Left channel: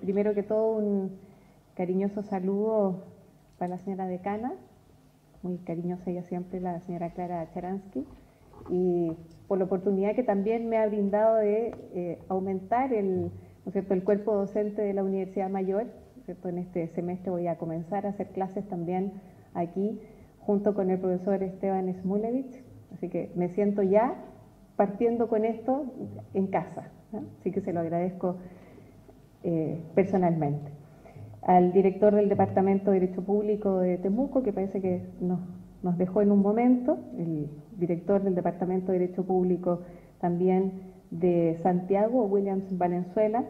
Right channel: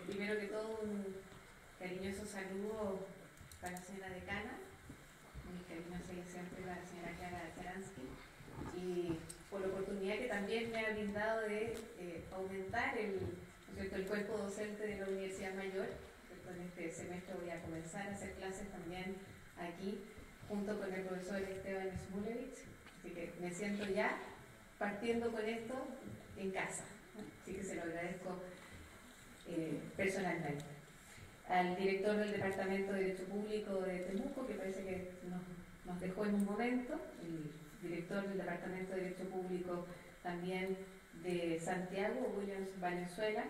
Primero que todo, un cariñoso saludo para la señora decana, muy cariñosa ella siempre, la señora Clara Charansky, y por la oportunidad que también me ha brindado de aumentar el cuerpo docente de la Universidad Mayor. En este semestre voy a comenzar a hacer clases también aquí, junto con el profesor Esteban Smulevich, así que me siento ya partiendo con esto en casa, ¿no? Así que se lo agradezco personalmente. Al director del Departamento de Derecho Público de Temuco, que parece que nos dejó en un momento, el director del Departamento de Derecho Público también de Santiago, Williams Valenzuela,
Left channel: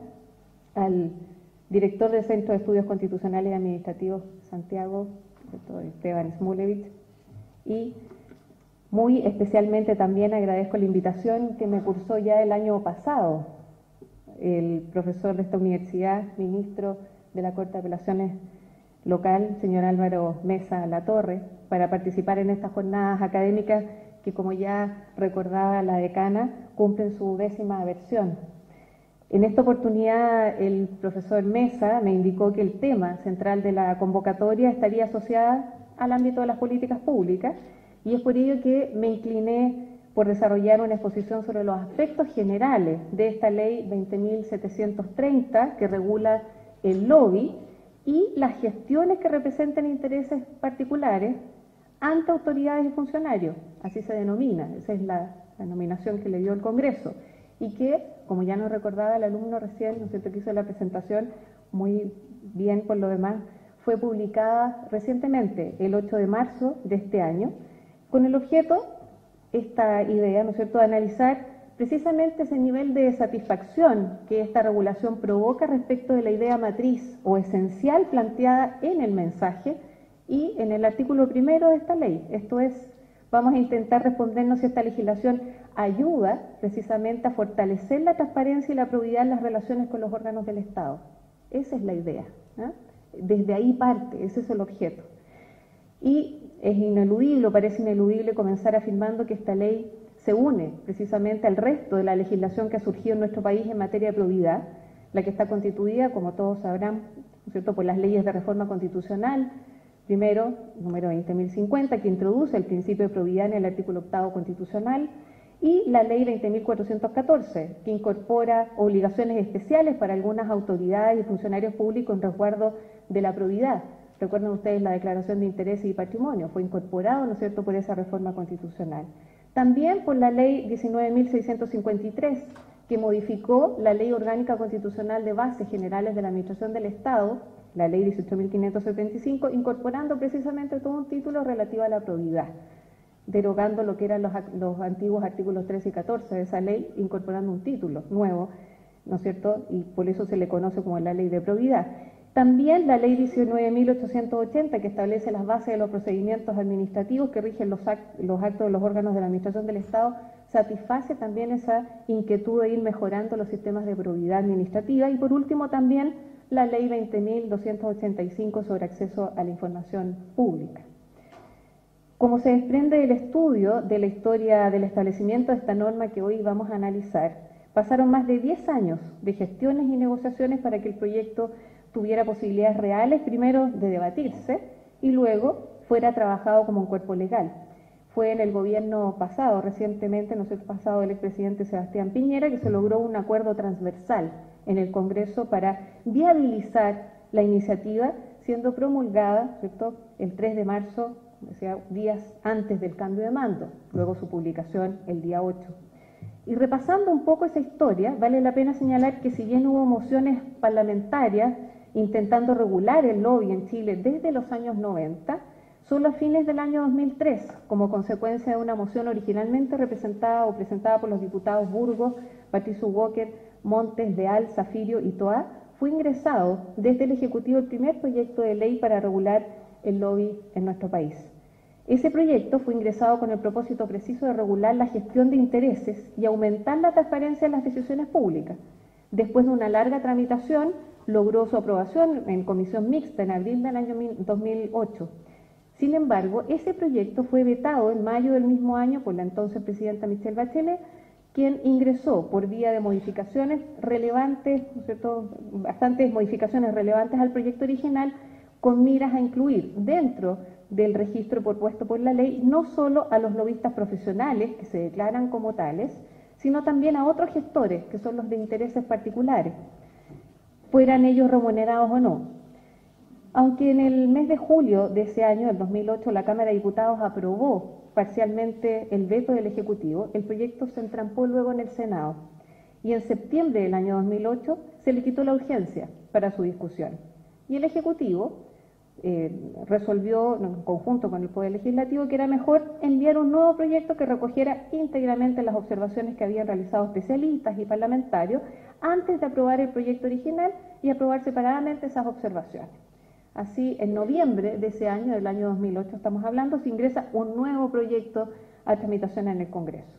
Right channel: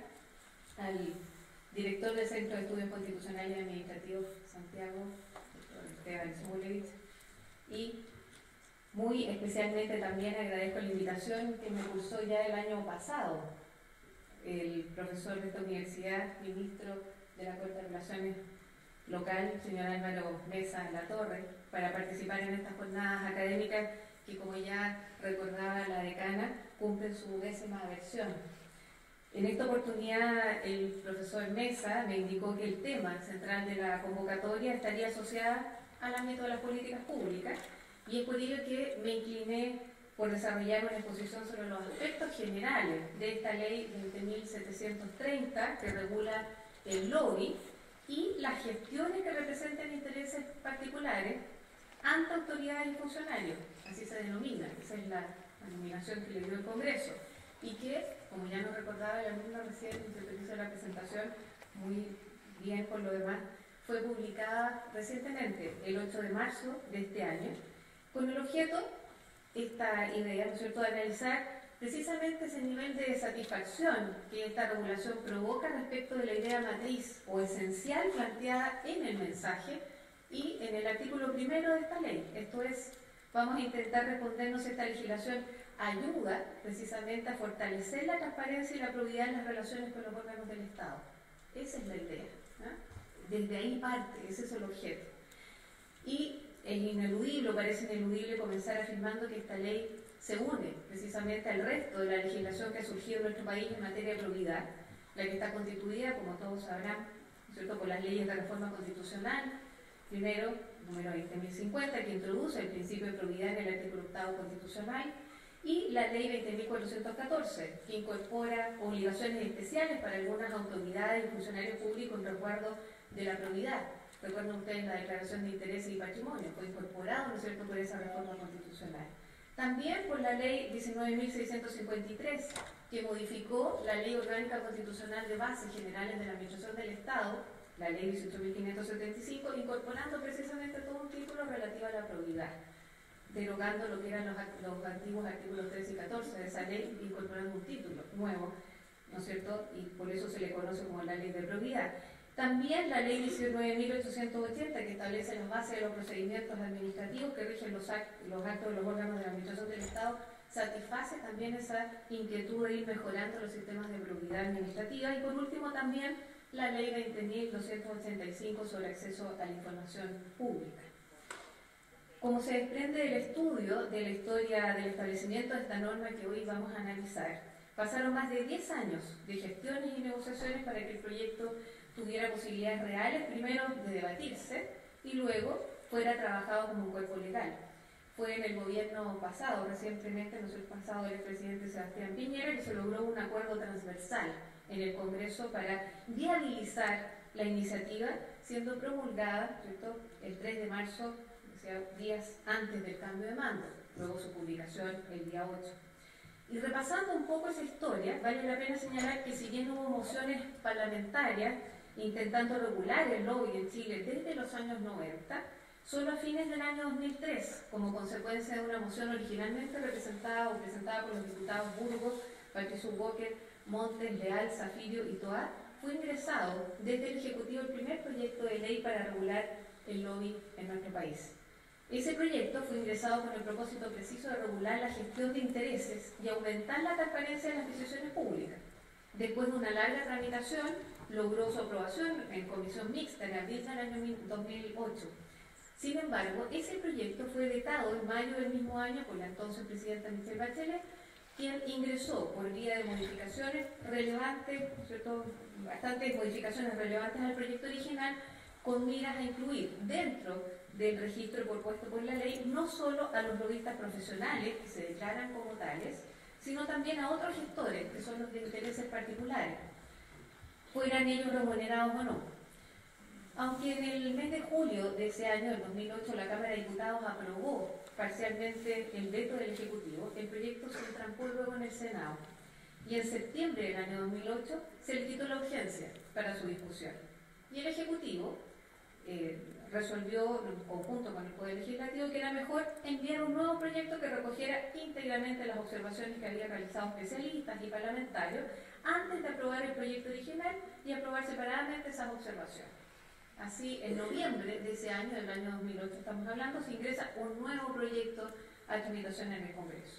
al director del Centro de Estudios Constitucionales y Administrativos Santiago, doctor Esteban Smulevich, y muy especialmente también agradezco la invitación que me cursó ya el año pasado el profesor de esta universidad, ministro de la Corte de Apelaciones local, señor Álvaro Mesa Latorre, para participar en estas jornadas académicas que, como ya recordaba la decana, cumplen su 10ª versión. En esta oportunidad el profesor Mesa me indicó que el tema central de la convocatoria estaría asociada al ámbito de las políticas públicas, y es por ello que me incliné por desarrollar una exposición sobre los aspectos generales de esta ley 20.730 que regula el lobby y las gestiones que representan intereses particulares ante autoridades y funcionarios, así se denomina, esa es la nominación que le dio el Congreso, y que, como ya nos recordaba el alumno recién, que hizo la presentación, muy bien por lo demás, fue publicada recientemente, el 8 de marzo de este año, con el objeto, esta idea, ¿no es cierto?, de analizar precisamente ese nivel de satisfacción que esta regulación provoca respecto de la idea matriz o esencial planteada en el mensaje y en el artículo 1 de esta ley. Esto es, vamos a intentar respondernos si esta legislación ayuda precisamente a fortalecer la transparencia y la probidad en las relaciones con los órganos del Estado. Esa es la idea, ¿eh? Desde ahí parte, ese es el objeto. Y es ineludible, parece ineludible comenzar afirmando que esta ley se une precisamente al resto de la legislación que ha surgido en nuestro país en materia de probidad, la que está constituida, como todos sabrán, ¿cierto?, por las leyes de reforma constitucional, primero, número 20.050, que introduce el principio de probidad en el artículo 8º constitucional, y la ley 20.414, que incorpora obligaciones especiales para algunas autoridades y funcionarios públicos en resguardo de la probidad. Recuerden ustedes la declaración de intereses y patrimonio, fue incorporado, ¿no es cierto?, por esa reforma constitucional. También por la ley 19.653, que modificó la Ley Orgánica Constitucional de Bases Generales de la Administración del Estado, la ley 18.575, incorporando precisamente todo un título relativo a la probidad, derogando lo que eran los antiguos artículos 13 y 14 de esa ley, incorporando un título nuevo, ¿no es cierto?, y por eso se le conoce como la ley de probidad. También la ley 19.880, que establece las bases de los procedimientos administrativos que rigen los actos de los órganos de la Administración del Estado, satisface también esa inquietud de ir mejorando los sistemas de probidad administrativa. Y por último también la ley 20.285 sobre acceso a la información pública. Como se desprende del estudio de la historia del establecimiento de esta norma que hoy vamos a analizar, pasaron más de 10 años de gestiones y negociaciones para que el proyecto tuviera posibilidades reales, primero de debatirse y luego fuera trabajado como un cuerpo legal. Fue en el gobierno pasado, recientemente, no sé, pasado del expresidente Sebastián Piñera, que se logró un acuerdo transversal en el Congreso para viabilizar la iniciativa, siendo promulgada, ¿cierto?, el 3 de marzo, o sea, días antes del cambio de mando, luego su publicación el día 8. Y repasando un poco esa historia, vale la pena señalar que si bien hubo mociones parlamentarias intentando regular el lobby en Chile desde los años 90, solo a fines del año 2003, como consecuencia de una moción originalmente representada o presentada por los diputados Burgos, Patricio Walker, Montes, Leal, Zafirio y Toá, fue ingresado desde el Ejecutivo el primer proyecto de ley para regular el lobby en nuestro país. Ese proyecto fue ingresado con el propósito preciso de regular la gestión de intereses y aumentar la transparencia en las decisiones públicas. Después de una larga tramitación, logró su aprobación en comisión mixta en abril del año 2008. Sin embargo, ese proyecto fue vetado en mayo del mismo año por la entonces presidenta Michelle Bachelet, quien ingresó por vía de modificaciones relevantes, ¿no es cierto?, bastantes modificaciones relevantes al proyecto original, con miras a incluir dentro del registro propuesto por la ley no solo a los lobistas profesionales que se declaran como tales, sino también a otros gestores, que son los de intereses particulares, fueran ellos remunerados o no. Aunque en el mes de julio de ese año, del 2008, la Cámara de Diputados aprobó parcialmente el veto del Ejecutivo, el proyecto se entrampó luego en el Senado y en septiembre del año 2008 se le quitó la urgencia para su discusión. Y el Ejecutivo resolvió, en conjunto con el Poder Legislativo, que era mejor enviar un nuevo proyecto que recogiera íntegramente las observaciones que habían realizado especialistas y parlamentarios antes de aprobar el proyecto original y aprobar separadamente esas observaciones. Así, en noviembre de ese año, del año 2008 estamos hablando, se ingresa un nuevo proyecto a tramitación en el Congreso.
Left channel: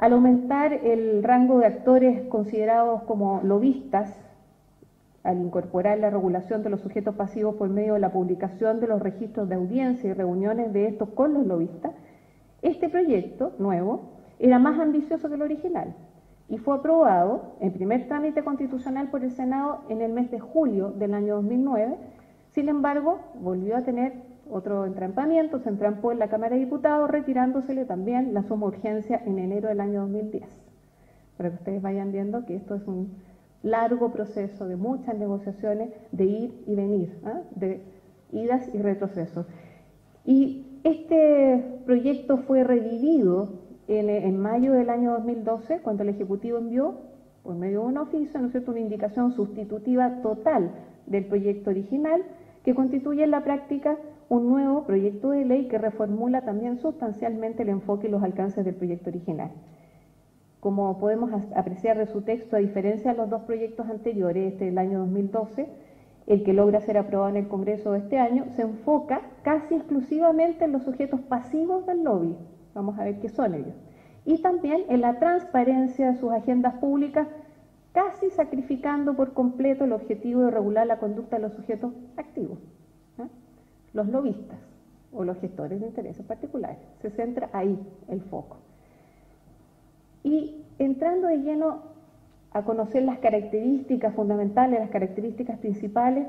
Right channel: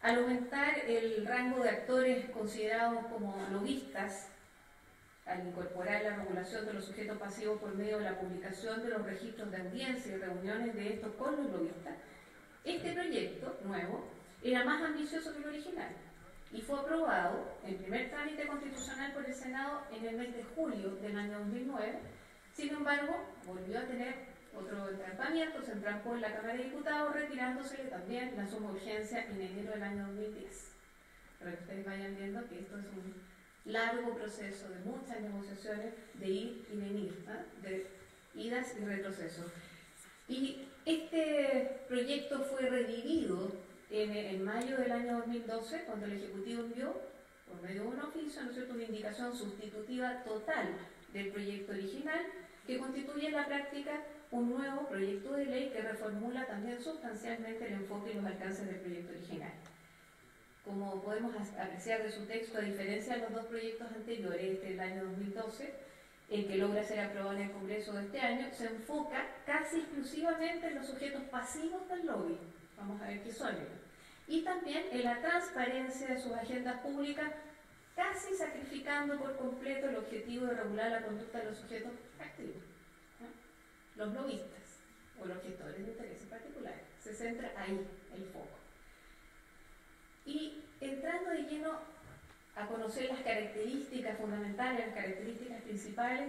Al aumentar el rango de actores considerados como lobistas, al incorporar la regulación de los sujetos pasivos por medio de la publicación de los registros de audiencia y reuniones de estos con los lobistas, este proyecto nuevo era más ambicioso que el original y fue aprobado en primer trámite constitucional por el Senado en el mes de julio del año 2009. Sin embargo, volvió a tener otro entrampamiento, se entrampó en la Cámara de Diputados, retirándosele también la suma urgencia en enero del año 2010. Para que ustedes vayan viendo que esto es un largo proceso de muchas negociaciones, de ir y venir, de idas y retrocesos. Y este proyecto fue revivido en mayo del año 2012, cuando el Ejecutivo envió, por medio de un oficio, ¿no es cierto?, una indicación sustitutiva total del proyecto original, que constituye en la práctica un nuevo proyecto de ley que reformula también sustancialmente el enfoque y los alcances del proyecto original. Como podemos apreciar de su texto, a diferencia de los dos proyectos anteriores, este del año 2012, el que logra ser aprobado en el Congreso de este año, se enfoca casi exclusivamente en los sujetos pasivos del lobby, vamos a ver qué son ellos, y también en la transparencia de sus agendas públicas, casi sacrificando por completo el objetivo de regular la conducta de los sujetos activos, los lobistas o los gestores de intereses particulares. Se centra ahí el foco. Y entrando de lleno a conocer las características fundamentales, las características principales,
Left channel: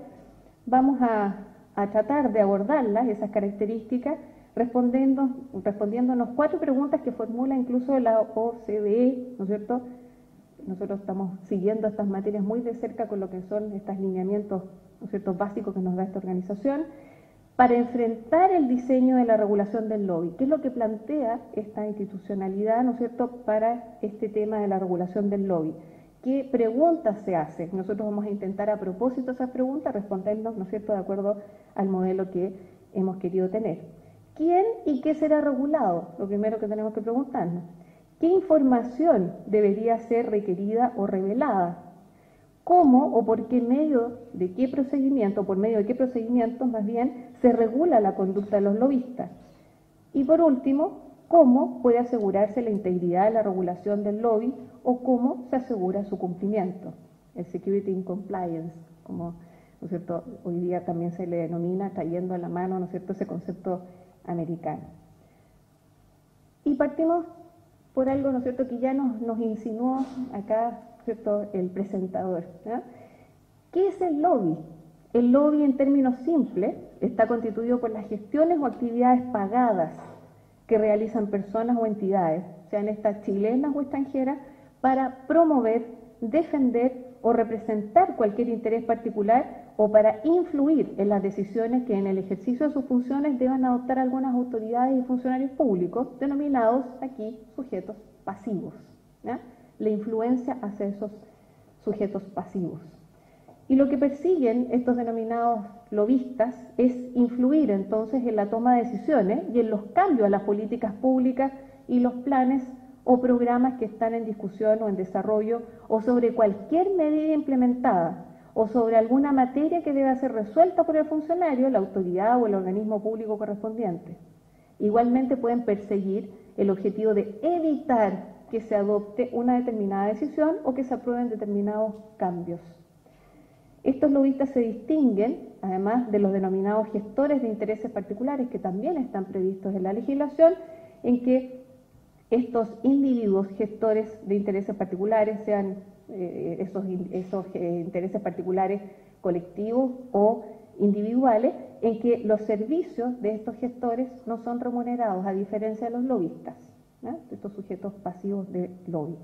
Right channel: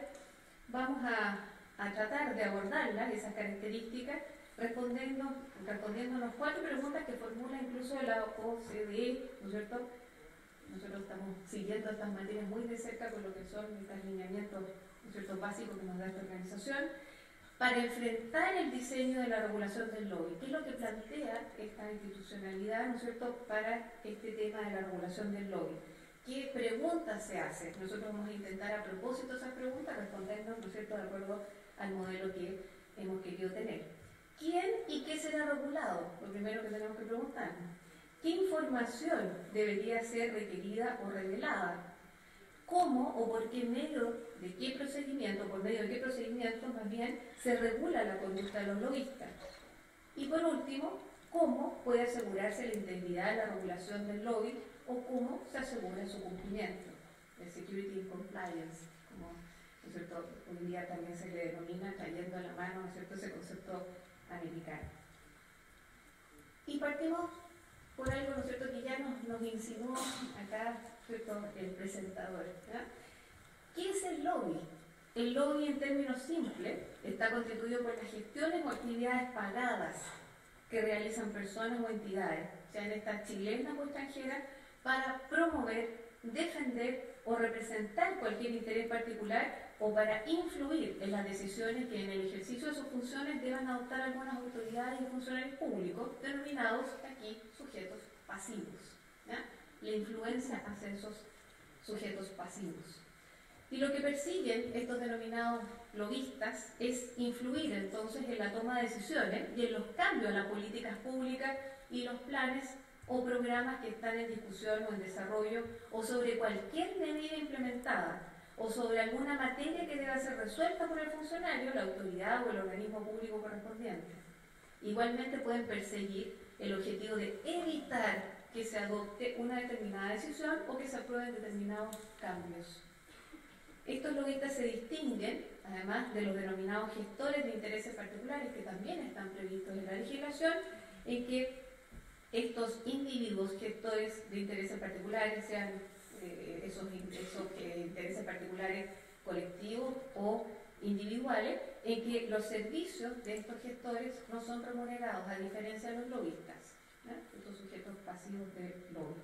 vamos a tratar de abordarlas, esas características, respondiéndonos 4 preguntas que formula incluso la OCDE, ¿no es cierto? Nosotros estamos siguiendo estas materias muy de cerca con lo que son estos lineamientos, ¿no es cierto?, básicos que nos da esta organización, para enfrentar el diseño de la regulación del lobby. ¿Qué es lo que plantea esta institucionalidad, ¿no es cierto?, para este tema de la regulación del lobby? ¿Qué preguntas se hacen? Nosotros vamos a intentar, a propósito de esas preguntas, respondernos, ¿no es cierto?, de acuerdo al modelo que hemos querido tener. ¿Quién y qué será regulado? Lo primero que tenemos que preguntarnos. ¿Qué información debería ser requerida o revelada? ¿Cómo o por qué medio de qué procedimiento, por medio de qué procedimientos más bien, se regula la conducta de los lobistas? Y por último, ¿cómo puede asegurarse la integridad de la regulación del lobby o cómo se asegura su cumplimiento? El security in compliance, como, ¿no es cierto?, hoy día también se le denomina, cayendo a la mano, ¿no es cierto?, ese concepto americano. Y partimos por algo, ¿no es cierto?, que ya nos insinuó acá, ¿cierto?, el presentador, ¿ya? ¿Qué es el lobby? El lobby, en términos simples, está constituido por las gestiones o actividades pagadas que realizan personas o entidades, sean estas chilenas o extranjeras, para promover, defender o representar cualquier interés particular o para influir en las decisiones que en el ejercicio de sus funciones deban adoptar algunas autoridades y funcionarios públicos, denominados aquí sujetos pasivos, ¿ya? La influencia hacia esos sujetos pasivos. Y lo que persiguen estos denominados lobistas es influir entonces en la toma de decisiones y en los cambios a las políticas públicas y los planes o programas que están en discusión o en desarrollo, o sobre cualquier medida implementada, o sobre alguna materia que deba ser resuelta por el funcionario, la autoridad o el organismo público correspondiente. Igualmente pueden perseguir el objetivo de evitar que se adopte una determinada decisión o que se aprueben determinados cambios. Estos lobistas se distinguen, además de los denominados gestores de intereses particulares, que también están previstos en la legislación, en que estos individuos gestores de intereses particulares, sean esos intereses particulares colectivos o individuales, en que los servicios de estos gestores no son remunerados, a diferencia de los lobistas, estos sujetos pasivos de lobby.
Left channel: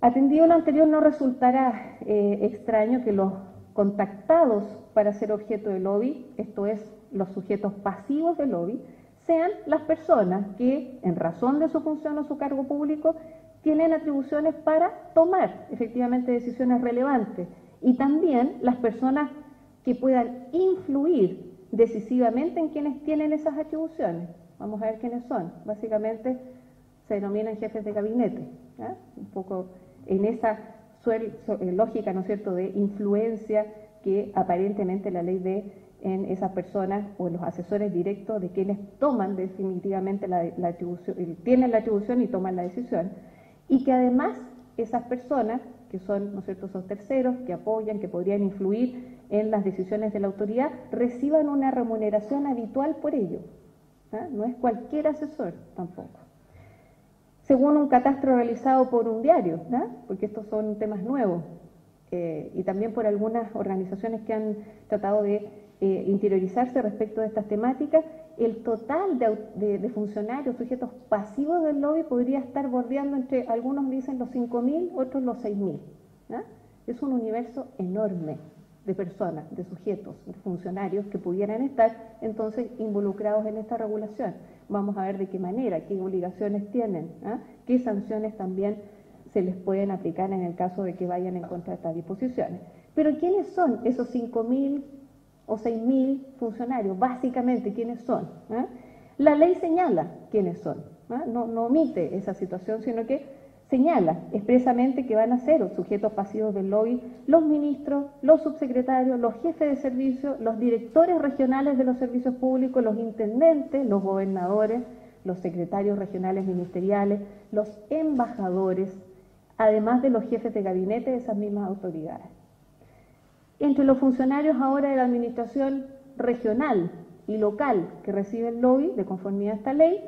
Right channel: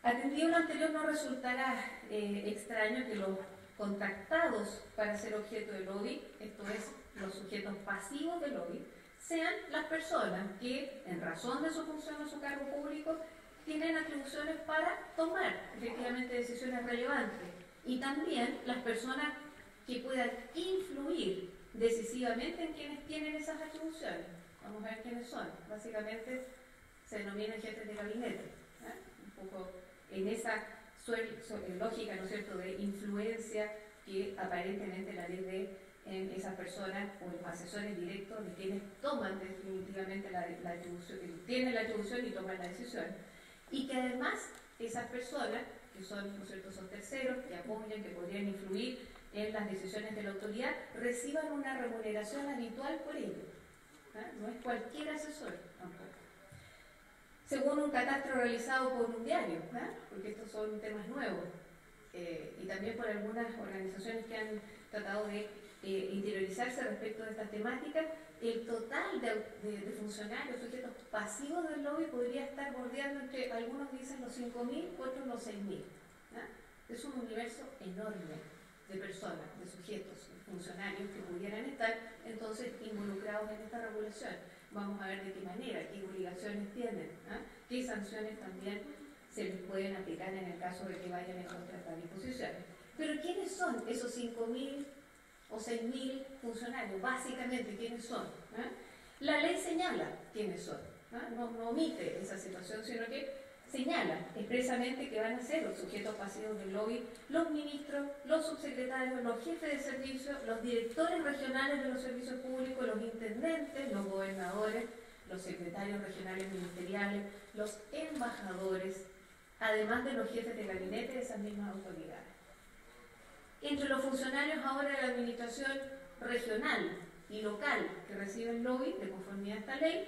Atendido lo anterior, no resultará extraño que los contactados para ser objeto de lobby, esto es, los sujetos pasivos de lobby, sean las personas que, en razón de su función o su cargo público, tienen atribuciones para tomar efectivamente decisiones relevantes, y también las personas que puedan influir decisivamente en quienes tienen esas atribuciones. Vamos a ver quiénes son. Básicamente se denominan jefes de gabinete, un poco en esa lógica, ¿no es cierto?, de influencia que aparentemente la ley ve en esas personas o los asesores directos de quienes toman definitivamente la atribución, tienen la atribución y toman la decisión, y que además esas personas, que son, ¿no es cierto?, esos terceros que apoyan, que podrían influir en las decisiones de la autoridad, reciban una remuneración habitual por ello. No es cualquier asesor tampoco. Según un catastro realizado por un diario, porque estos son temas nuevos, y también por algunas organizaciones que han tratado de interiorizarse respecto de estas temáticas, el total de funcionarios, sujetos pasivos del lobby podría estar bordeando entre, algunos dicen los 5.000, otros los 6.000. Es un universo enorme de personas, de sujetos, de funcionarios que pudieran estar entonces involucrados en esta regulación. Vamos a ver de qué manera, qué obligaciones tienen, qué sanciones también se les pueden aplicar en el caso de que vayan en contra de estas disposiciones. Pero ¿quiénes son esos 5.000 o 6.000 funcionarios? Básicamente, ¿quiénes son? La ley señala quiénes son, no omite esa situación, sino que señala expresamente que van a ser los sujetos pasivos del lobby los ministros, los subsecretarios, los jefes de servicio, los directores regionales de los servicios públicos, los intendentes, los gobernadores, los secretarios regionales ministeriales, los embajadores, además de los jefes de gabinete de esas mismas autoridades. Entre los funcionarios ahora de la administración regional y local que reciben lobby de conformidad a esta ley,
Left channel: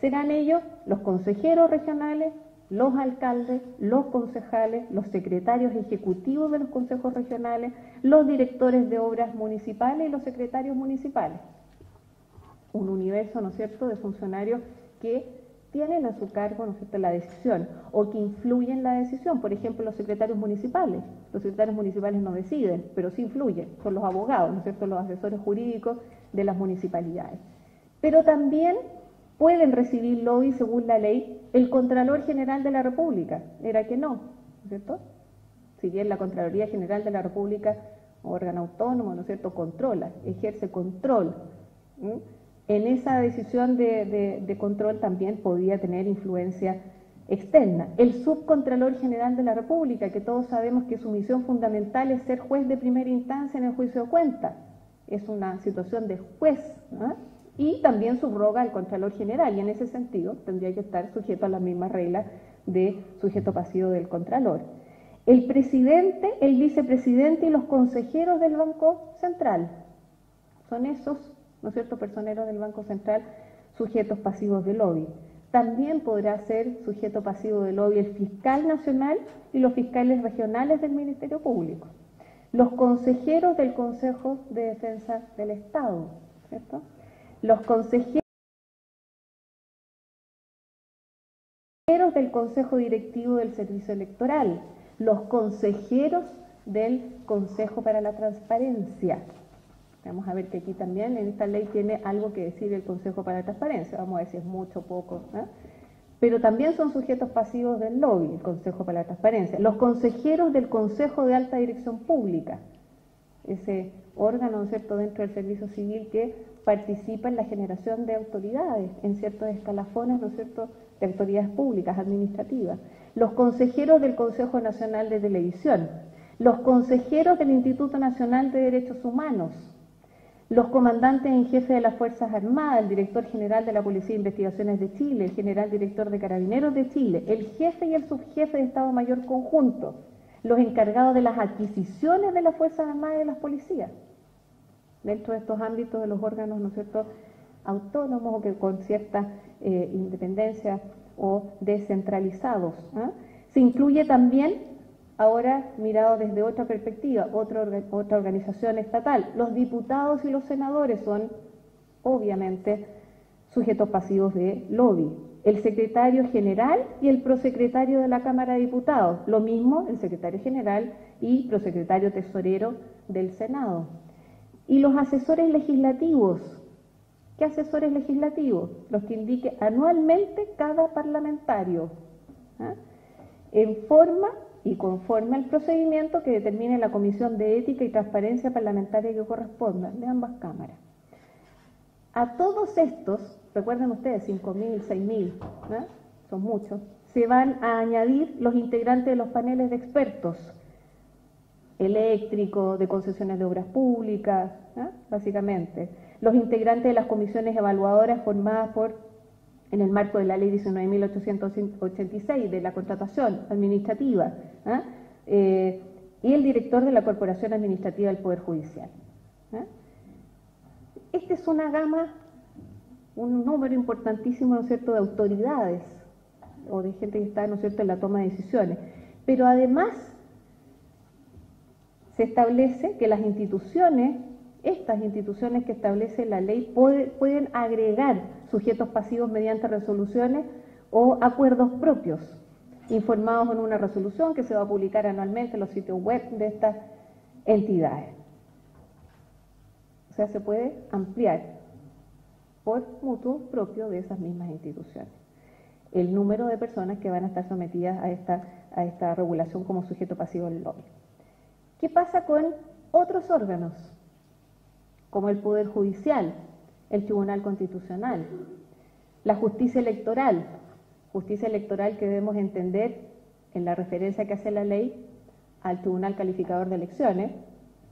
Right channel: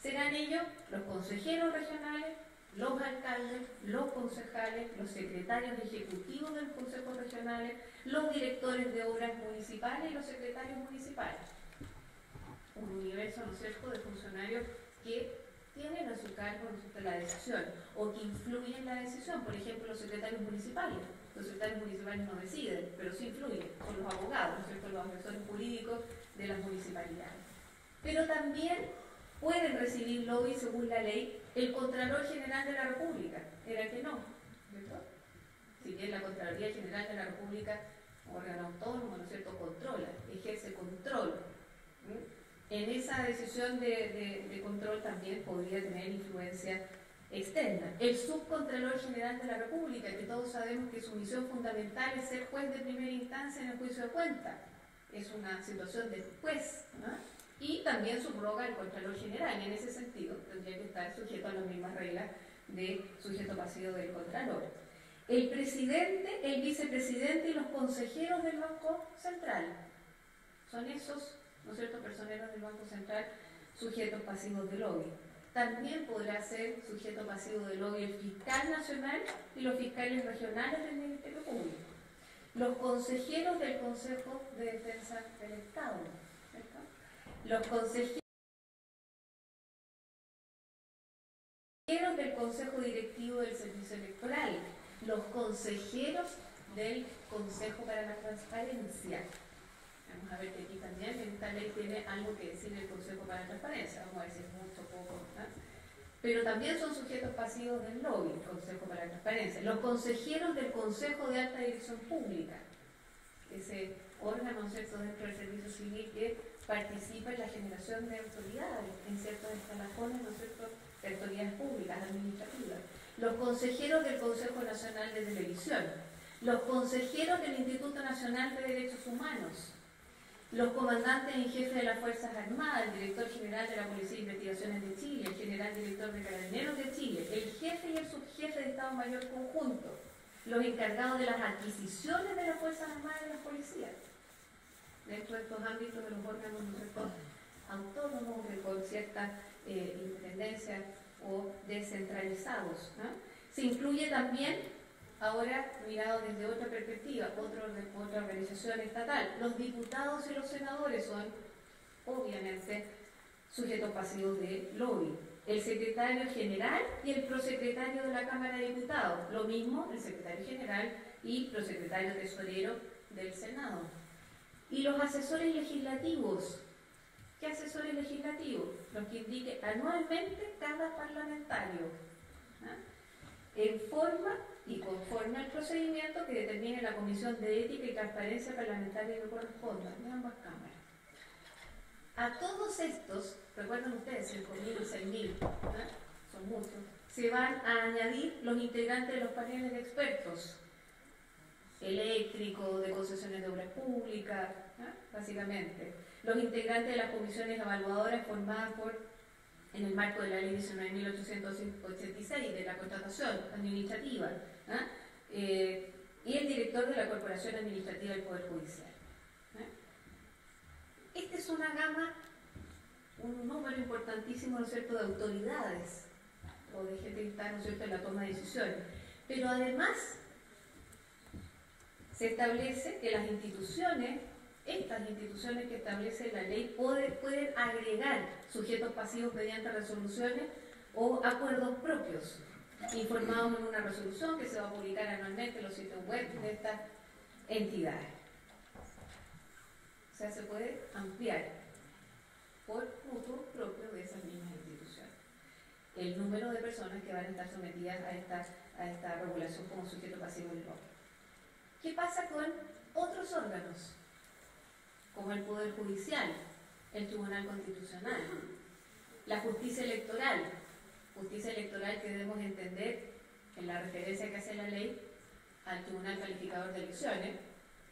serán ellos los consejeros regionales, los alcaldes, los concejales, los secretarios ejecutivos de los consejos regionales, los directores de obras municipales y los secretarios municipales. Un universo, ¿no es cierto?, de funcionarios que tienen a su cargo, ¿no es cierto?, la decisión o que influyen en la decisión. Por ejemplo, los secretarios municipales. Los secretarios municipales no deciden, pero sí influyen, son los abogados, ¿no es cierto?, los asesores jurídicos de las municipalidades. Pero también pueden recibir lobby, según la ley, el Contralor General de la República. Era que no, ¿cierto? Si bien la Contraloría General de la República, órgano autónomo, ¿no es cierto?, controla, ejerce control. En esa decisión de control también podía tener influencia externa. El Subcontralor General de la República, que todos sabemos que su misión fundamental es ser juez de primera instancia en el juicio de cuentas. Es una situación de juez, y también subroga al Contralor General, y en ese sentido tendría que estar sujeto a las mismas reglas de sujeto pasivo del Contralor. El presidente, el vicepresidente y los consejeros del Banco Central son esos, ¿no es cierto?, personeros del Banco Central, sujetos pasivos de lobby. También podrá ser sujeto pasivo de lobby el fiscal nacional y los fiscales regionales del Ministerio Público. Los consejeros del Consejo de Defensa del Estado, ¿cierto?, los consejeros del Consejo Directivo del Servicio Electoral, los consejeros del Consejo para la Transparencia. Vamos a ver que aquí también en esta ley tiene algo que decir el Consejo para la Transparencia. Vamos a ver si es mucho o poco. Pero también son sujetos pasivos del lobby, el Consejo para la Transparencia. Los consejeros del Consejo de Alta Dirección Pública, ese órgano, ¿no es cierto?, dentro del servicio civil que participa en la generación de autoridades en ciertos escalafones, ¿no es cierto?, de autoridades públicas, administrativas. Los consejeros del Consejo Nacional de Televisión, los consejeros del Instituto Nacional de Derechos Humanos, los comandantes en jefe de las Fuerzas Armadas, el director general de la Policía de Investigaciones de Chile, el general director de Carabineros de Chile, el jefe y el subjefe de Estado Mayor Conjunto, los encargados de las adquisiciones de las Fuerzas Armadas y de las policías, dentro de estos ámbitos de los órganos, ¿no es cierto?, autónomos o que con cierta independencia o descentralizados. Se incluye también, ahora mirado desde otra perspectiva, otra organización estatal. Los diputados y los senadores son, obviamente, sujetos pasivos de lobby. El secretario general y el prosecretario de la Cámara de Diputados. Lo mismo el secretario general y prosecretario tesorero del Senado. Y los asesores legislativos. ¿Qué asesores legislativos? Los que indique anualmente cada parlamentario, en forma y conforme al procedimiento que determine la Comisión de Ética y Transparencia Parlamentaria que corresponda de ambas cámaras. A todos estos, recuerden ustedes, 5.000, 6.000, son muchos, se van a añadir los integrantes de los paneles de expertos, eléctrico, de concesiones de obras públicas, básicamente. Los integrantes de las comisiones evaluadoras formadas en el marco de la Ley 19.886 de la contratación administrativa, y el director de la Corporación Administrativa del Poder Judicial. Esta es una gama, un número importantísimo, ¿no es cierto?, de autoridades o de gente que está, ¿no es cierto?, en la toma de decisiones. Pero además se establece que las instituciones, estas instituciones que establece la ley, pueden agregar sujetos pasivos mediante resoluciones o acuerdos propios, informados en una resolución que se va a publicar anualmente en los sitios web de estas entidades. O sea, se puede ampliar por mutuo propio de esas mismas instituciones el número de personas que van a estar sometidas a esta regulación como sujeto pasivo del lobby. ¿Qué pasa con otros órganos? Como el Poder Judicial, el Tribunal Constitucional, la justicia electoral que debemos entender en la referencia que hace la ley al Tribunal Calificador de Elecciones,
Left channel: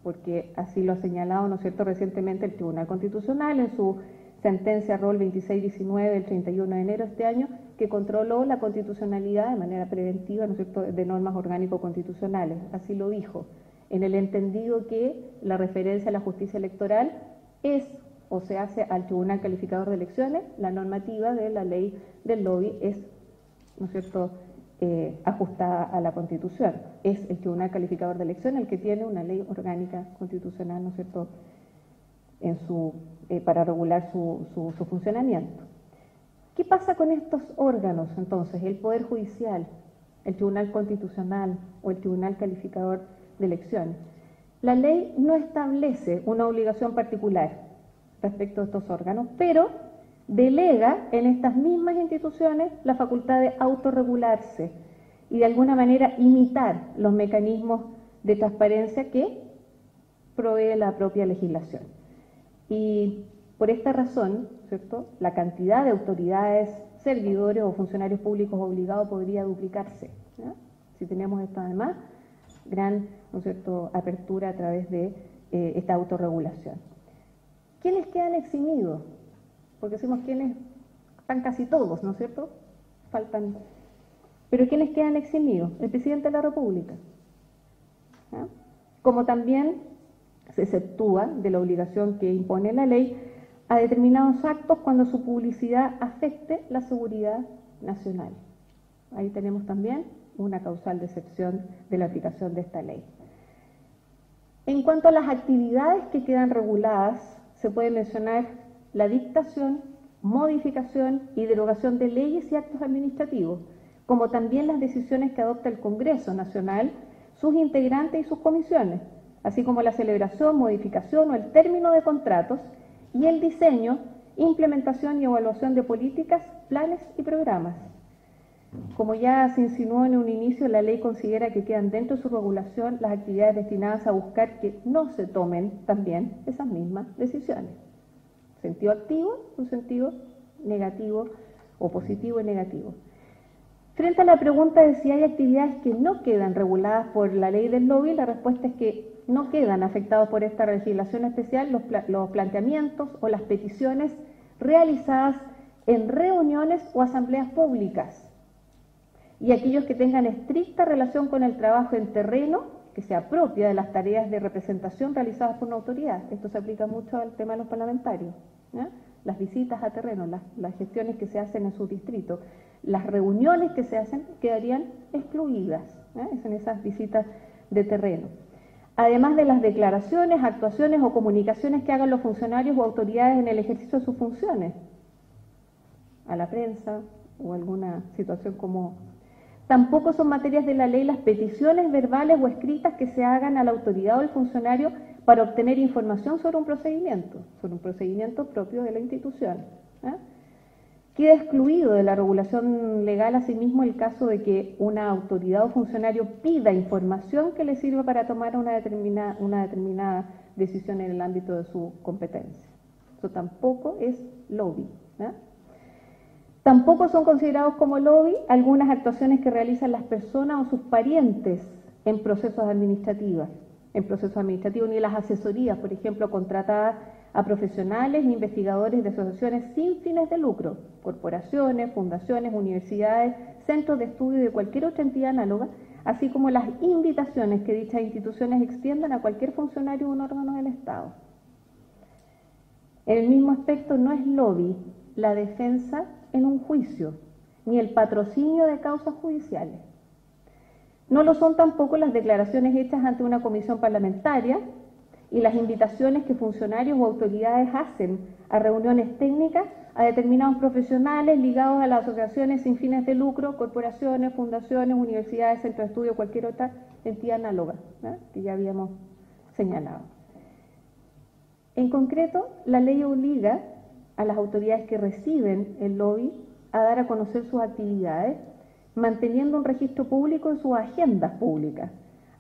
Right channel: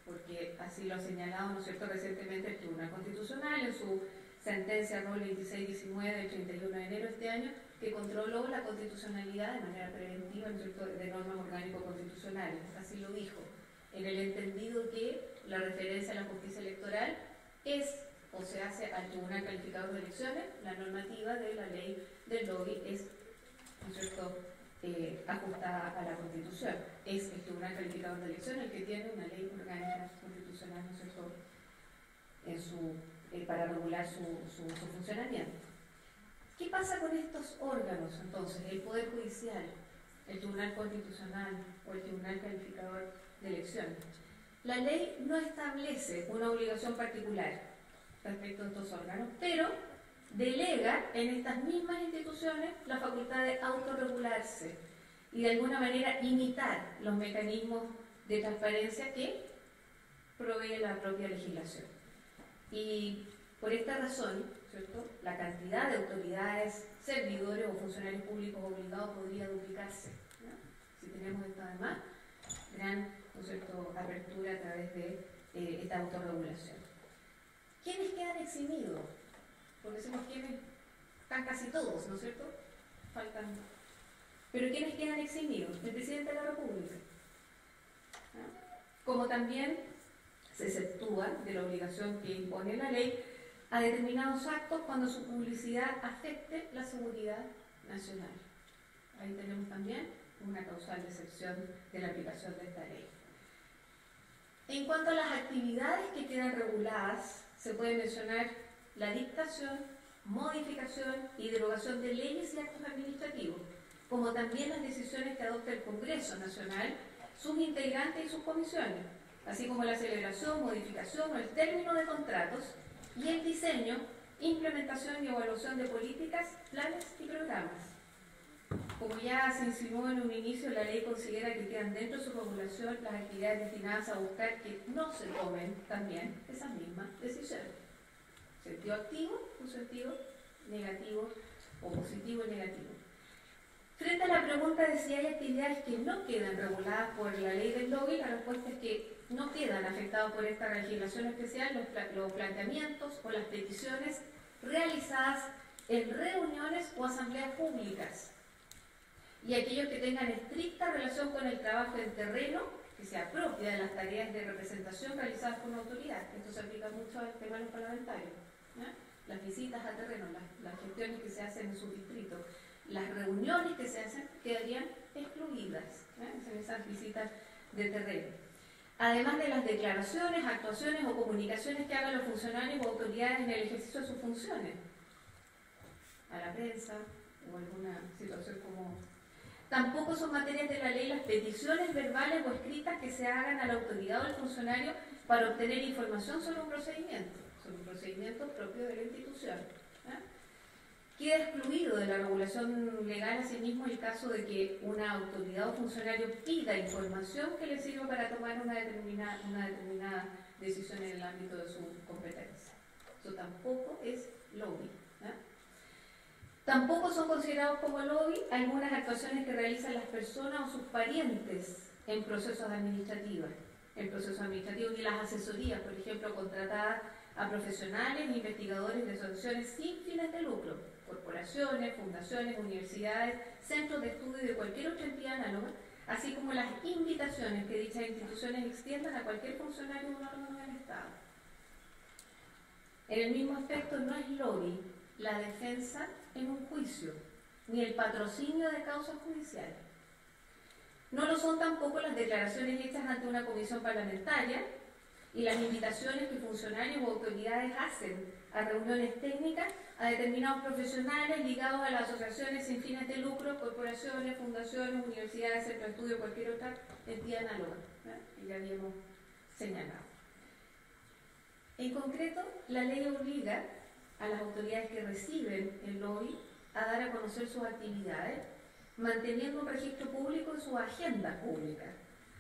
porque así lo ha señalado, ¿no es cierto?, recientemente el Tribunal Constitucional en su sentencia ROL 2619 del 31 de enero de este año, que controló la constitucionalidad de manera preventiva, ¿no es cierto?, de normas orgánico-constitucionales, así lo dijo, en el entendido que la referencia a la justicia electoral es o se hace al Tribunal Calificador de Elecciones, la normativa de la ley del lobby es, ¿no es cierto?, ajustada a la Constitución. Es el Tribunal Calificador de Elecciones el que tiene una ley orgánica constitucional, ¿no es cierto?, para regular su funcionamiento. ¿Qué pasa con estos órganos, entonces? El Poder Judicial, el Tribunal Constitucional o el Tribunal Calificador de Elecciones. La ley no establece una obligación particular respecto a estos órganos, pero delega en estas mismas instituciones la facultad de autorregularse y de alguna manera imitar los mecanismos de transparencia que provee la propia legislación. Y por esta razón, ¿cierto?, la cantidad de autoridades, servidores o funcionarios públicos obligados podría duplicarse, ¿ya? Si tenemos esto además, gran, ¿no es cierto?, apertura a través de esta autorregulación. ¿Quiénes quedan eximidos? Porque decimos quiénes, están casi todos, ¿no es cierto? Faltan. Pero ¿quiénes quedan eximidos? El presidente de la República. ¿Ah? Como también se exceptúa de la obligación que impone la ley a determinados actos cuando su publicidad afecte la seguridad nacional. Ahí tenemos también una causal de excepción de la aplicación de esta ley. En cuanto a las actividades que quedan reguladas, se puede mencionar la dictación, modificación y derogación de leyes y actos administrativos, como también las decisiones que adopta el Congreso Nacional, sus integrantes y sus comisiones, así como la celebración, modificación o el término de contratos y el diseño, implementación y evaluación de políticas, planes y programas. Como ya se insinuó en un inicio, la ley considera que quedan dentro de su regulación las actividades destinadas a buscar que no se tomen también esas mismas decisiones. Sentido activo, un sentido negativo o positivo y negativo. Frente a la pregunta de si hay actividades que no quedan reguladas por la ley del lobby, la respuesta es que no quedan afectados por esta legislación especial los planteamientos o las peticiones realizadas en reuniones o asambleas públicas y aquellos que tengan estricta relación con el trabajo en terreno que se apropia de las tareas de representación realizadas por una autoridad. Esto se aplica mucho al tema de los parlamentarios, ¿eh? Las visitas a terreno, las gestiones que se hacen en su distrito. las reuniones que se hacen quedarían excluidas, en esas visitas de terreno. Además de las declaraciones, actuaciones o comunicaciones que hagan los funcionarios o autoridades en el ejercicio de sus funciones, a la prensa o alguna situación como... Tampoco son materias de la ley las peticiones verbales o escritas que se hagan a la autoridad o al funcionario para obtener información sobre un procedimiento propio de la institución. Queda excluido de la regulación legal asimismo el caso de que una autoridad o funcionario pida información que le sirva para tomar una determinada decisión en el ámbito de su competencia. Eso tampoco es lobby. Tampoco son considerados como lobby algunas actuaciones que realizan las personas o sus parientes en procesos administrativos, ni las asesorías, por ejemplo, contratadas a profesionales e investigadores de asociaciones sin fines de lucro, corporaciones, fundaciones, universidades, centros de estudio y de cualquier otra entidad análoga, así como las invitaciones que dichas instituciones extiendan a cualquier funcionario o un órgano del Estado. En el mismo aspecto, no es lobby la defensa en un juicio, ni el patrocinio de causas judiciales. No lo son tampoco las declaraciones hechas ante una comisión parlamentaria y las invitaciones que funcionarios o autoridades hacen a reuniones técnicas a determinados profesionales ligados a las asociaciones sin fines de lucro, corporaciones, fundaciones, universidades, centros de estudio, cualquier otra entidad análoga, que ya habíamos señalado. En concreto, la ley obliga a las autoridades que reciben el lobby a dar a conocer sus actividades, manteniendo un registro público en sus agendas públicas,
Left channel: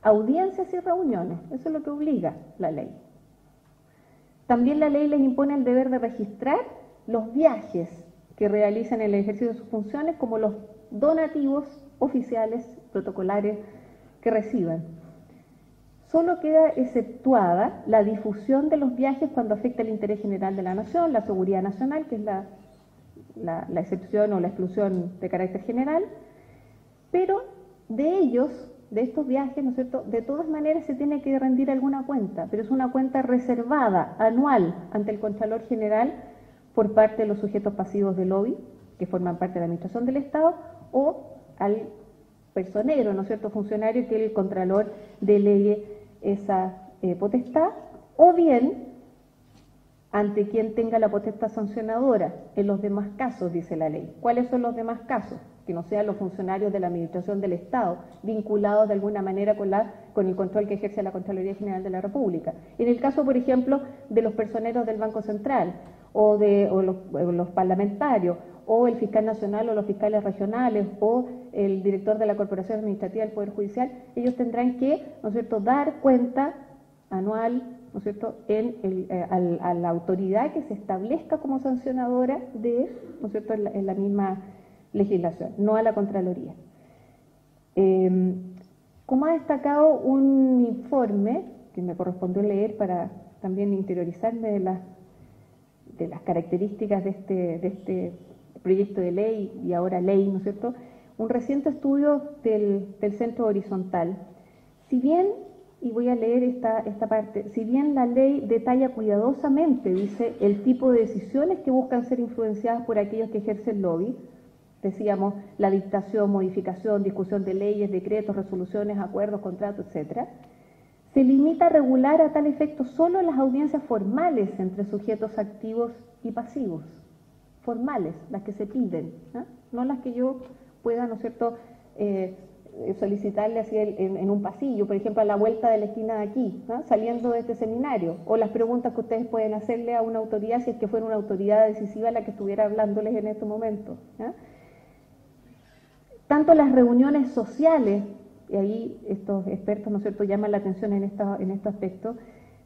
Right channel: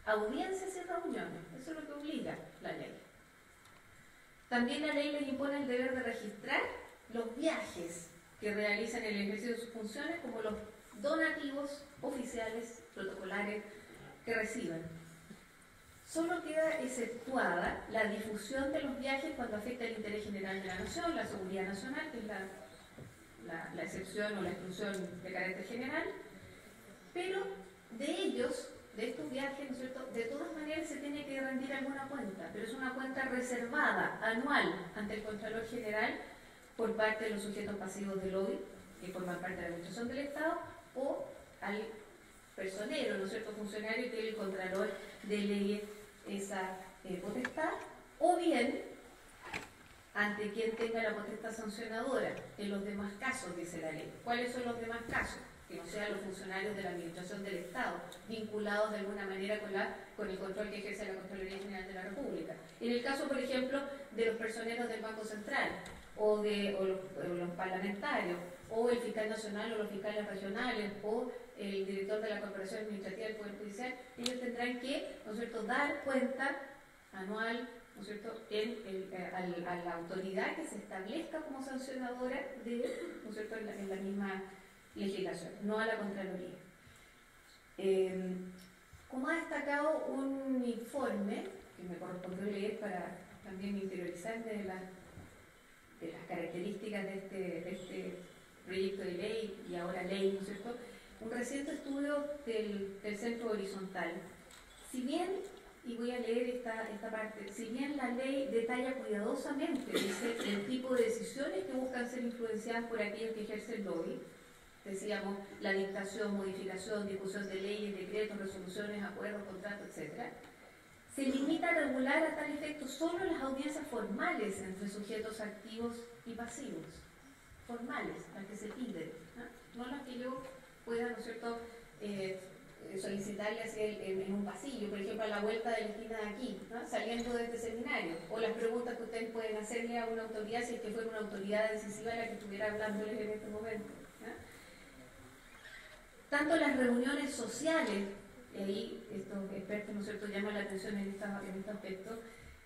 audiencias y reuniones. Eso es lo que obliga la ley. También la ley les impone el deber de registrar los viajes que realizan en el ejercicio de sus funciones, como los donativos oficiales, protocolares que reciban. Solo queda exceptuada la difusión de los viajes cuando afecta el interés general de la nación, la seguridad nacional, que es la excepción o la exclusión de carácter general, pero de estos viajes, ¿no es cierto?, de todas maneras se tiene que rendir alguna cuenta, pero es una cuenta reservada, anual, ante el Contralor General por parte de los sujetos pasivos de lobby, que forman parte de la Administración del Estado, o al personero, ¿no es cierto?, funcionario que el Contralor delegue esa potestad, o bien ante quien tenga la potestad sancionadora en los demás casos, dice la ley. ¿Cuáles son los demás casos? Que no sean los funcionarios de la Administración del Estado, vinculados de alguna manera con el control que ejerce la Contraloría General de la República. En el caso, por ejemplo, de los personeros del Banco Central, o los parlamentarios, o el fiscal nacional o los fiscales regionales, o el director de la Corporación Administrativa del Poder Judicial, ellos tendrán que, ¿no es cierto?, dar cuenta anual, ¿no es cierto?, a la autoridad que se establezca como sancionadora de, ¿no es cierto?, en la misma legislación, no a la Contraloría. Como ha destacado un informe que me correspondió leer para también interiorizarme de las características de este proyecto de ley y ahora ley, ¿no es cierto?, un reciente estudio del Centro Horizontal. Si bien, y voy a leer esta parte, si bien la ley detalla cuidadosamente, dice, el tipo de decisiones que buscan ser influenciadas por aquellos que ejercen lobby, decíamos, la dictación, modificación, discusión de leyes, decretos, resoluciones, acuerdos, contratos, etc., se limita a regular a tal efecto solo las audiencias formales entre sujetos activos y pasivos. Formales, las que se piden, no las que yo pueda, ¿no es cierto?, solicitarle así en un pasillo, por ejemplo, a la vuelta de la esquina de aquí, saliendo de este seminario, o las preguntas que ustedes pueden hacerle a una autoridad si es que fuera una autoridad decisiva la que estuviera hablándoles en este momento. Tanto las reuniones sociales, y ahí estos expertos, ¿no es cierto?, llaman la atención en este aspecto,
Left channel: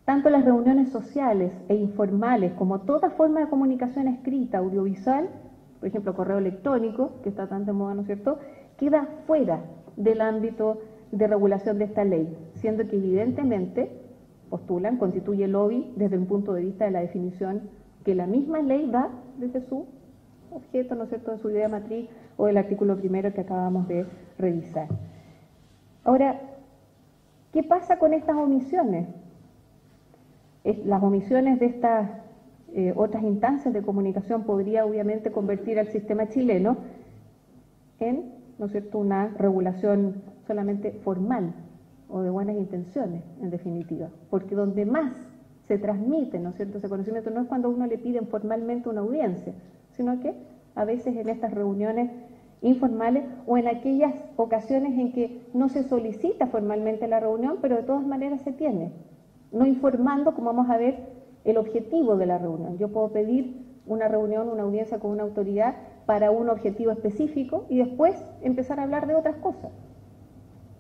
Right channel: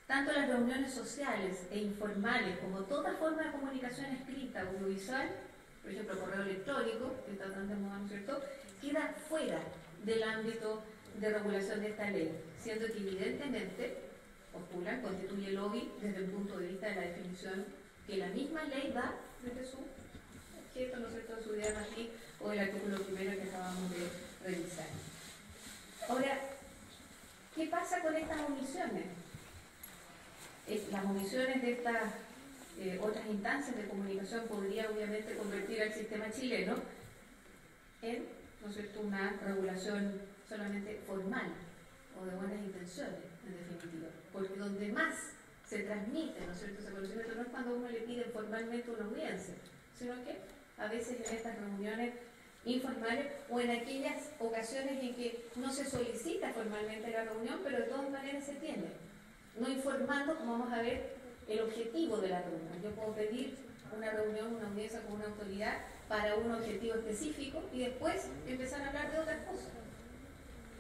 tanto las reuniones sociales e informales como toda forma de comunicación escrita, audiovisual, por ejemplo, correo electrónico, que está tan de moda, ¿no es cierto?, queda fuera del ámbito de regulación de esta ley, siendo que evidentemente, postulan, constituye lobby desde un punto de vista de la definición que la misma ley da desde su objeto, ¿no es cierto?, de su idea matriz o del artículo primero que acabamos de revisar. Ahora, ¿qué pasa con estas omisiones? Las omisiones de estas otras instancias de comunicación podría obviamente convertir al sistema chileno en, ¿no es cierto?, una regulación solamente formal o de buenas intenciones, en definitiva, porque donde más se transmite, ¿no es cierto?, ese conocimiento no es cuando uno le pide formalmente una audiencia, sino que a veces en estas reuniones informales o en aquellas ocasiones en que no se solicita formalmente la reunión, pero de todas maneras se tiene, no informando, como vamos a ver, el objetivo de la reunión. Yo puedo pedir una reunión, una audiencia con una autoridad para un objetivo específico y después empezar a hablar de otras cosas.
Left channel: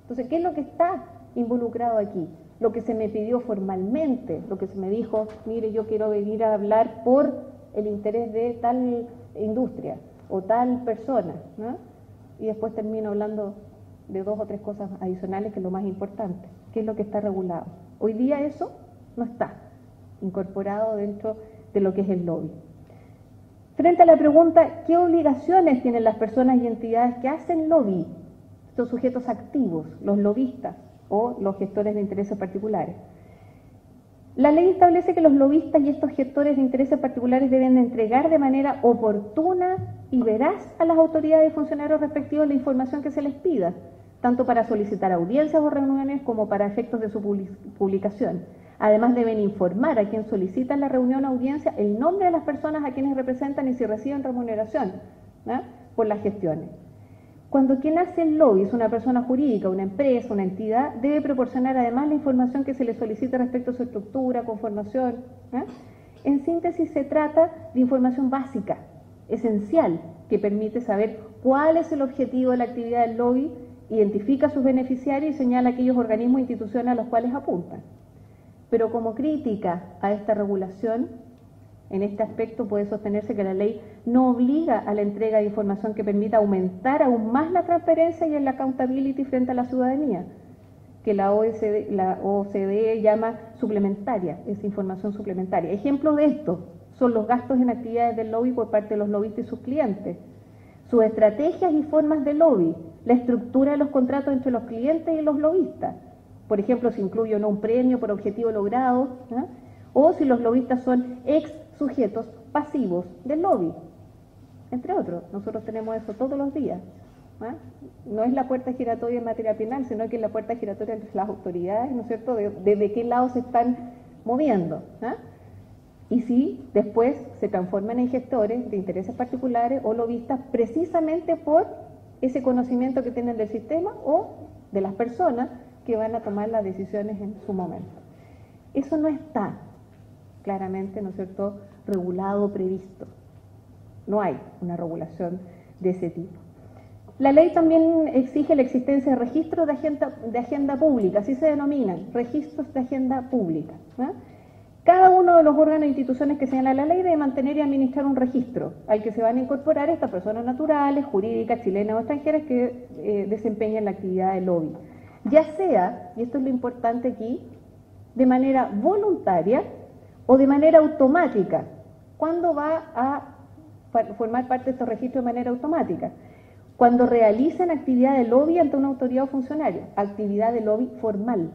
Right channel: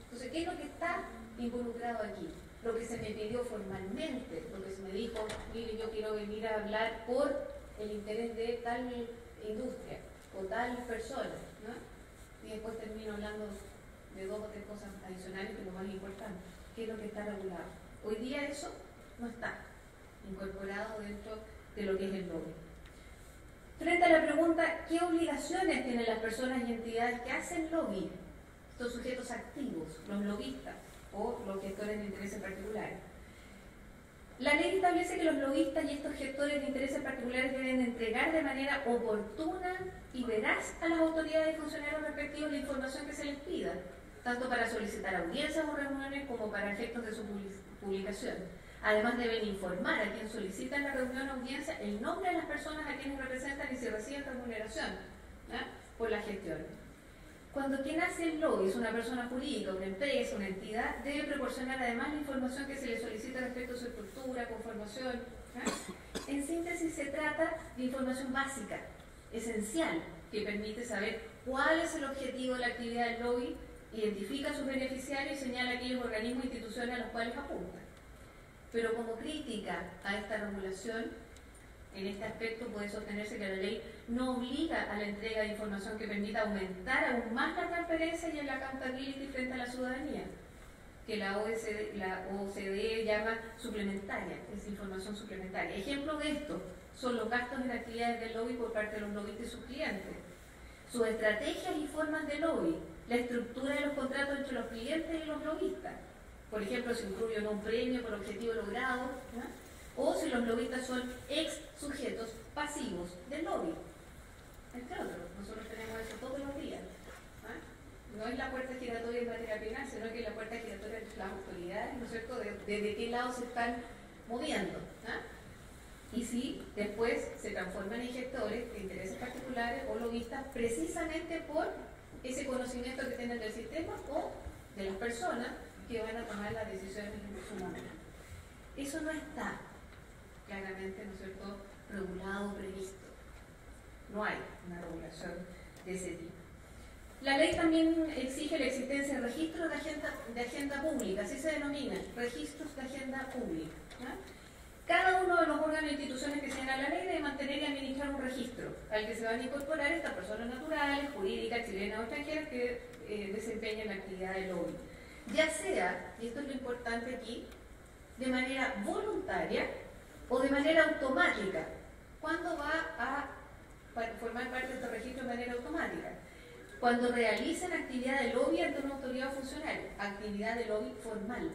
Entonces, ¿qué es lo que está involucrado aquí? Lo que se me pidió formalmente, lo que se me dijo, mire, yo quiero venir a hablar por el interés de tal industria o tal persona, ¿no? Y después termino hablando de 2 o 3 cosas adicionales, que es lo más importante, que es lo que está regulado. Hoy día eso no está incorporado dentro de lo que es el lobby. Frente a la pregunta, ¿qué obligaciones tienen las personas y entidades que hacen lobby? Estos sujetos activos, los lobistas o los gestores de intereses particulares. La ley establece que los lobistas y estos gestores de intereses particulares deben entregar de manera oportuna y veraz a las autoridades y funcionarios respectivos la información que se les pida, tanto para solicitar audiencias o reuniones como para efectos de su publicación. Además, deben informar a quien solicita la reunión o audiencia el nombre de las personas a quienes representan y si reciben remuneración por las gestiones. Cuando quien hace el lobby es una persona jurídica, una empresa, una entidad, debe proporcionar además la información que se le solicita respecto a su estructura, conformación. En síntesis, se trata de información básica, esencial, que permite saber cuál es el objetivo de la actividad del lobby, identifica a sus beneficiarios y señala aquellos organismos e instituciones a los cuales apuntan. Pero como crítica a esta regulación, en este aspecto puede sostenerse que la ley no obliga a la entrega de información que permita aumentar aún más la transparencia y el accountability frente a la ciudadanía, que la OCDE llama suplementaria, es información suplementaria. Ejemplos de esto son los gastos en actividades del lobby por parte de los lobistas y sus clientes, sus estrategias y formas de lobby, la estructura de los contratos entre los clientes y los lobistas. Por ejemplo, si incluye o no un premio por objetivo logrado, o si los lobistas son ex sujetos pasivos del lobby, entre otros. Nosotros tenemos eso todos los días. No es la puerta giratoria en materia penal, sino que es la puerta giratoria entre las autoridades, ¿no es cierto?, de qué lado se están moviendo. Y si después se transforman en gestores de intereses particulares o lobistas precisamente por ese conocimiento que tienen del sistema o de las personas que van a tomar las decisiones en su momento. Eso no está claramente, ¿no es cierto?, regulado, previsto. No hay una regulación de ese tipo. La ley también exige la existencia de registros de agenda pública, así se denominan, registros de agenda pública. Cada uno de los órganos e instituciones que señala la ley debe mantener y administrar un registro al que se van a incorporar estas personas naturales, jurídicas, chilenas o extranjeras que desempeñan la actividad de lobby. Ya sea, y esto es lo importante aquí, de manera voluntaria o de manera automática. ¿Cuándo va a formar parte de estos registros de manera automática? Cuando realizan actividad de lobby ante una autoridad o funcionario, actividad de lobby formal.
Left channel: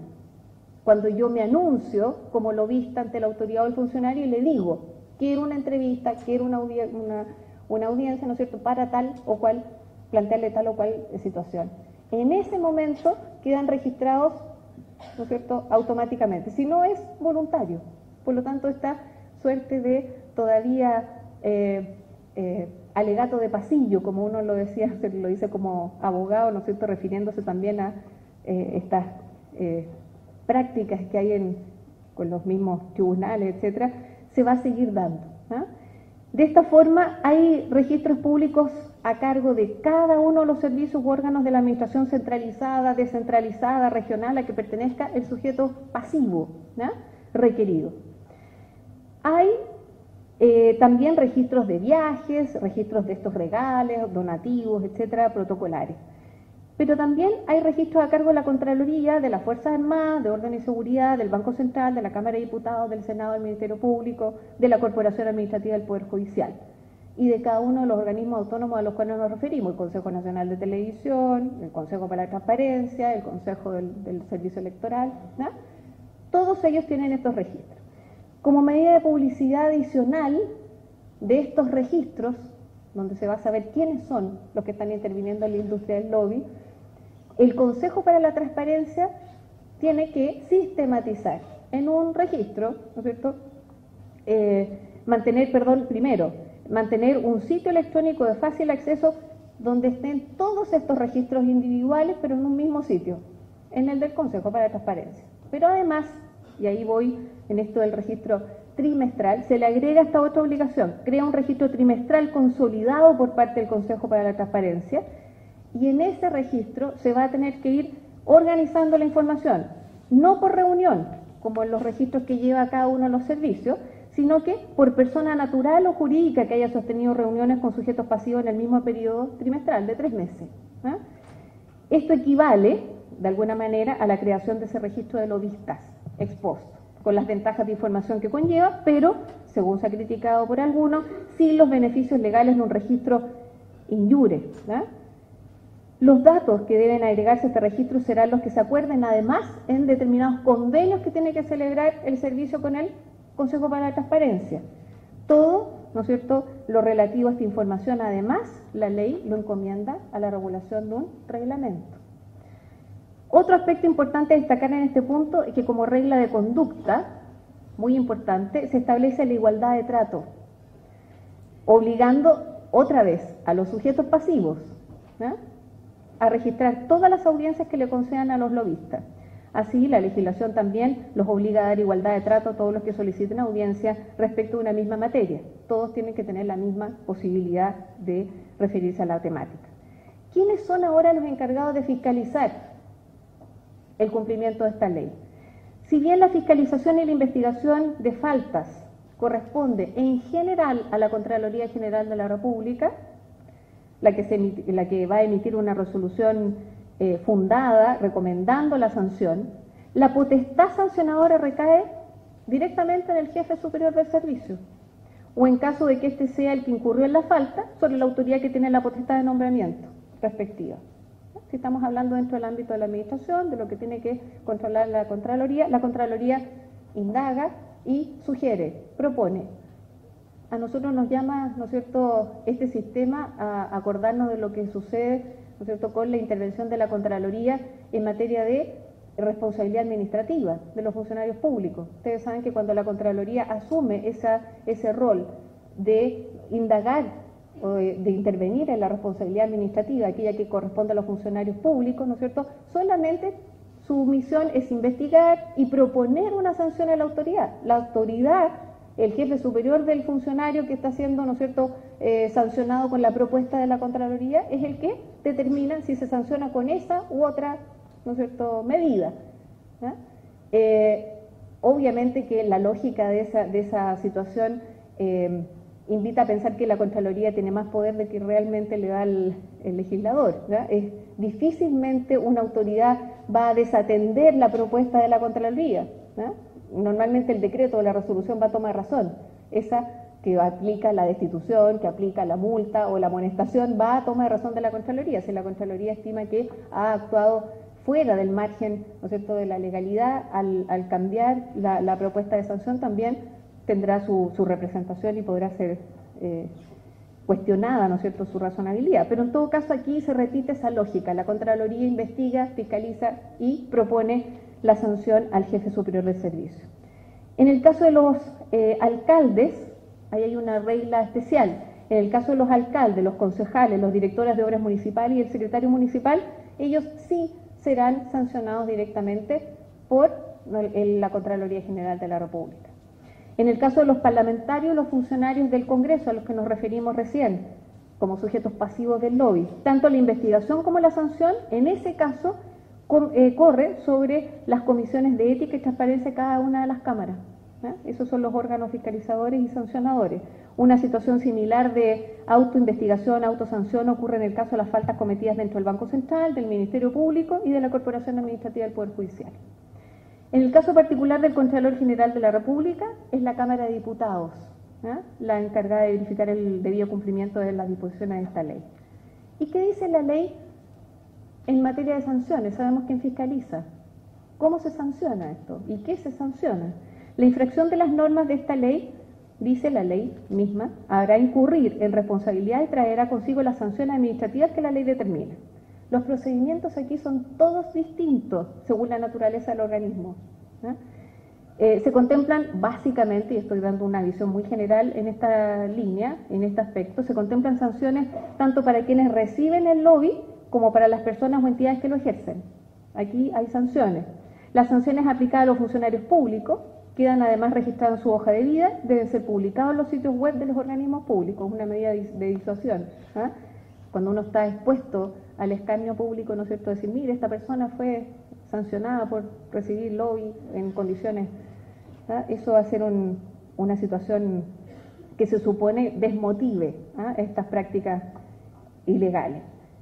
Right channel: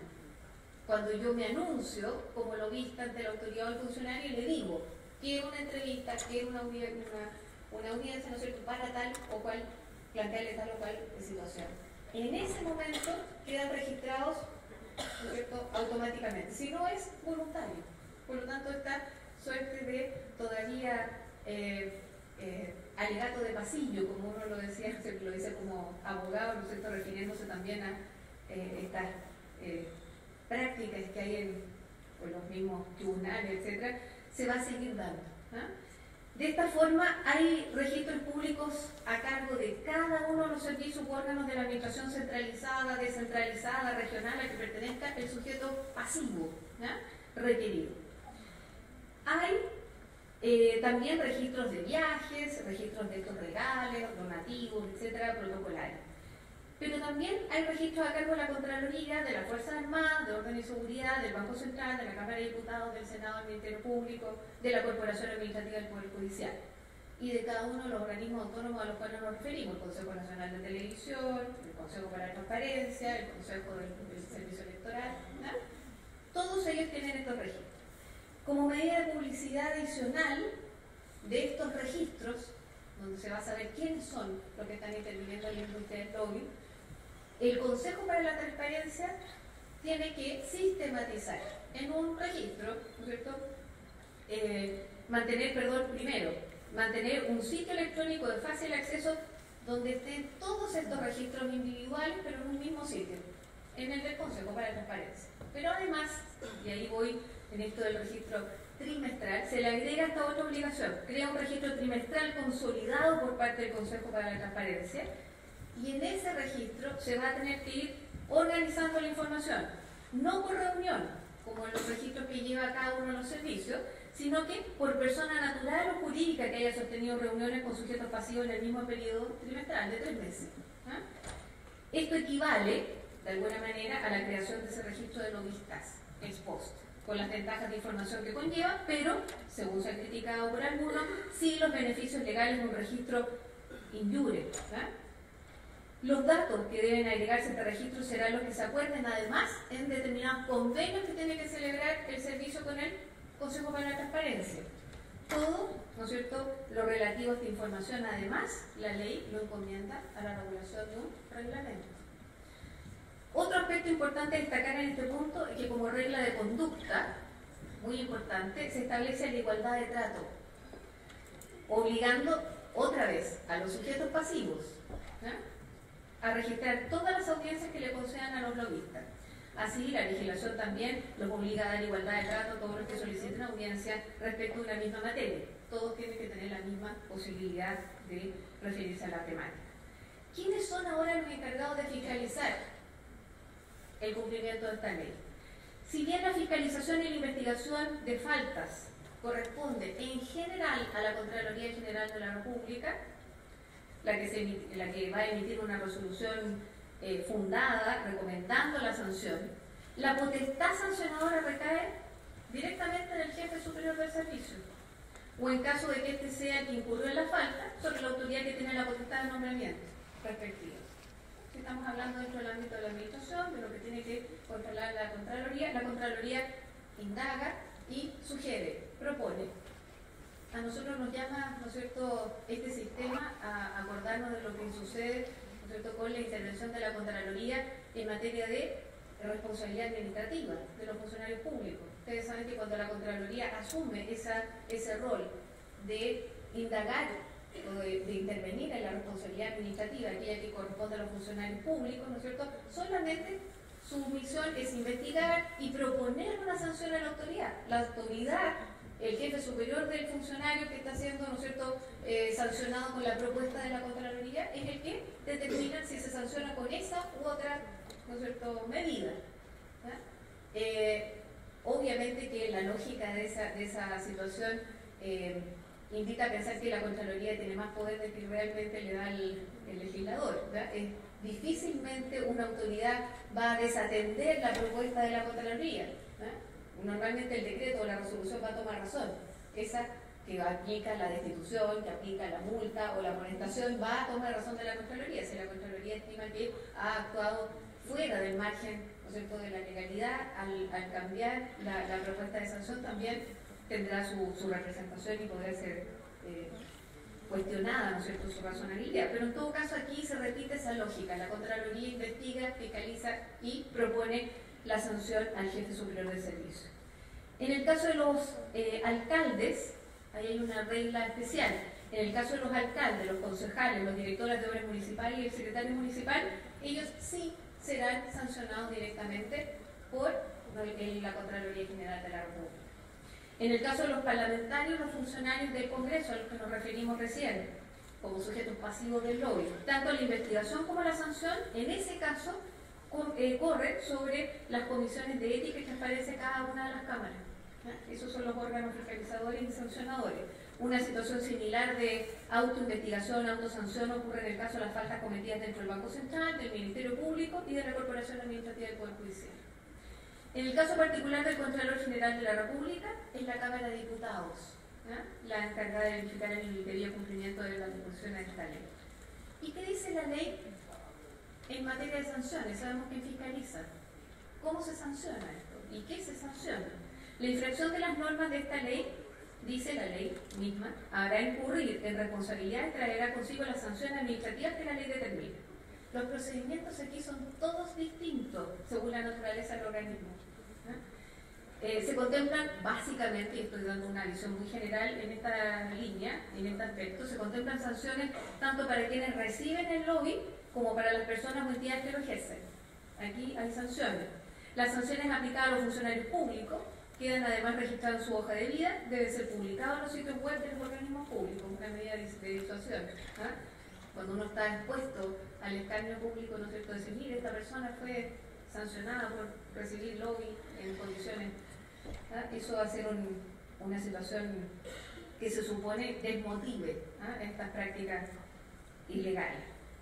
Cuando yo me anuncio como lobista ante la autoridad o el funcionario y le digo, quiero una entrevista, quiero una audiencia, ¿no es cierto?, para tal o cual, plantearle tal o cual situación. En ese momento quedan registrados, ¿no es cierto?, automáticamente. Si no, es voluntario. Por lo tanto, esta suerte de todavía alegato de pasillo, como uno lo decía, se lo dice como abogado, ¿no es cierto?, refiriéndose también a estas prácticas que hay con los mismos tribunales, etcétera, se va a seguir dando. De esta forma, hay registros públicos a cargo de cada uno de los servicios u órganos de la administración centralizada, descentralizada, regional, a que pertenezca el sujeto pasivo requerido. Hay también registros de viajes, registros de estos regales, donativos, etcétera, protocolarios. Pero también hay registros a cargo de la Contraloría, de las Fuerzas Armadas, de Orden y Seguridad, del Banco Central, de la Cámara de Diputados, del Senado, del Ministerio Público, de la Corporación Administrativa del Poder Judicial y de cada uno de los organismos autónomos a los cuales nos referimos, el Consejo Nacional de Televisión, el Consejo para la Transparencia, el Consejo del Servicio Electoral, todos ellos tienen estos registros. Como medida de publicidad adicional de estos registros, donde se va a saber quiénes son los que están interviniendo en la industria del lobby, el Consejo para la Transparencia tiene que sistematizar en un registro, ¿no es cierto? Mantener un sitio electrónico de fácil acceso donde estén todos estos registros individuales, pero en un mismo sitio, en el del Consejo para la Transparencia. Pero además, y ahí voy en esto del registro trimestral, se le agrega esta otra obligación, crea un registro trimestral consolidado por parte del Consejo para la Transparencia, y en ese registro se va a tener que ir organizando la información, no por reunión, como en los registros que lleva cada uno de los servicios, sino que por persona natural o jurídica que haya sostenido reuniones con sujetos pasivos en el mismo periodo trimestral de 3 meses. ¿Ah? Esto equivale, de alguna manera, a la creación de ese registro de lobistas ex post, con las ventajas de información que conlleva, pero, según se ha criticado por algunos, sin los beneficios legales de un registro in iure. Los datos que deben agregarse a este registro serán los que se acuerden, además, en determinados convenios que tiene que celebrar el servicio con el Consejo para la Transparencia. Todo, ¿no es cierto?, lo relativo a esta información, además, la ley lo encomienda a la regulación de un reglamento. Otro aspecto importante a destacar en este punto es que como regla de conducta, muy importante, se establece la igualdad de trato, obligando otra vez a los sujetos pasivos a registrar todas las audiencias que le concedan a los lobistas. Así, la legislación también los obliga a dar igualdad de trato a todos los que soliciten audiencia respecto a una misma materia. Todos tienen que tener la misma posibilidad de referirse a la temática. ¿Quiénes son ahora los encargados de fiscalizar el cumplimiento de esta ley? Si bien la fiscalización y la investigación de faltas corresponde en general a la Contraloría General de la República, la que va a emitir una resolución fundada, recomendando la sanción, la potestad sancionadora recae directamente en el jefe superior del servicio, o en caso de que éste sea el que incurrió en la falta, sobre la autoridad que tiene la potestad de nombramiento respectiva. Si estamos hablando dentro del ámbito de la administración, de lo que tiene que controlar la Contraloría indaga y sugiere, propone. A nosotros nos llama, ¿no es cierto?, este sistema a acordarnos de lo que sucede, ¿no es cierto?, con la intervención de la Contraloría en materia de responsabilidad administrativa de los funcionarios públicos. Ustedes saben que cuando la Contraloría asume ese rol de indagar o de intervenir en la responsabilidad administrativa, aquella que corresponde a los funcionarios públicos, ¿no es cierto?, solamente su misión es investigar y proponer una sanción a la autoridad. La autoridad, el jefe superior del funcionario que está siendo, ¿no es cierto?, sancionado con la propuesta de la Contraloría, es el que determina si se sanciona con esa u otra, ¿no es cierto?, medida. Obviamente que la lógica de esa situación invita a pensar que la Contraloría tiene más poder de que realmente le da el legislador. Difícilmente una autoridad va a desatender la propuesta de la Contraloría. Normalmente el decreto o la resolución va a tomar razón. Esa que aplica la destitución, que aplica la multa o la amonestación, va a tomar razón de la Contraloría. Si la Contraloría estima que ha actuado fuera del margen, ¿no es cierto?, de la legalidad, al cambiar la propuesta de sanción, también tendrá su representación y podrá ser cuestionada, ¿no es cierto?, su razonabilidad. Pero en todo caso aquí se repite esa lógica. La Contraloría investiga, fiscaliza y propone la sanción al jefe superior del servicio. En el caso de los alcaldes, ahí hay una regla especial. En el caso de los alcaldes, los concejales, los directores de obras municipales y el secretario municipal, ellos sí serán sancionados directamente por la Contraloría General de la República. En el caso de los parlamentarios, los funcionarios del Congreso, a los que nos referimos recién, como sujetos pasivos del lobby, tanto la investigación como la sanción, en ese caso, corre sobre las comisiones de ética y transparencia de cada una de las cámaras. Esos son los órganos fiscalizadores y sancionadores. Una situación similar de autoinvestigación, autosanción ocurre en el caso de las faltas cometidas dentro del Banco Central, del Ministerio Público y de la Corporación Administrativa del Poder Judicial. En el caso particular del Contralor General de la República, es la Cámara de Diputados, la encargada de verificar el debido cumplimiento de las disposiciones de esta ley. ¿Y qué dice la ley en materia de sanciones? Sabemos quién fiscaliza. ¿Cómo se sanciona esto? ¿Y qué se sanciona? La infracción de las normas de esta ley dice la ley misma, habrá incurrir en responsabilidad y traerá consigo las sanciones administrativas que la ley determine. Los procedimientos aquí son todos distintos según la naturaleza del organismo. Se contemplan básicamente, y estoy dando una visión muy general en esta línea, en este aspecto, se contemplan sanciones tanto para quienes reciben el lobby como para las personas o entidades que lo ejercen. Aquí hay sanciones. Las sanciones aplicadas a los funcionarios públicos quedan además registradas en su hoja de vida, deben ser publicadas en los sitios web de los organismos públicos, una medida de disuasión. Cuando uno está expuesto al escarnio público, ¿no es cierto?, decir, mire, esta persona fue sancionada por recibir lobby en condiciones, eso va a ser una situación que se supone desmotive estas prácticas ilegales.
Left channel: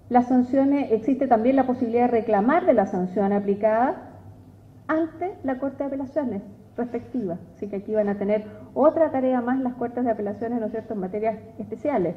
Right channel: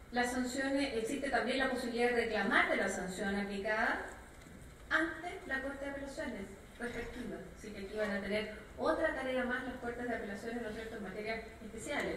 Las sanciones, existe también la posibilidad de reclamar de la sanción aplicada ante la Corte de Apelaciones respectiva, así que aquí van a tener otra tarea más las Cortes de Apelaciones, ¿no es cierto?, en materias especiales.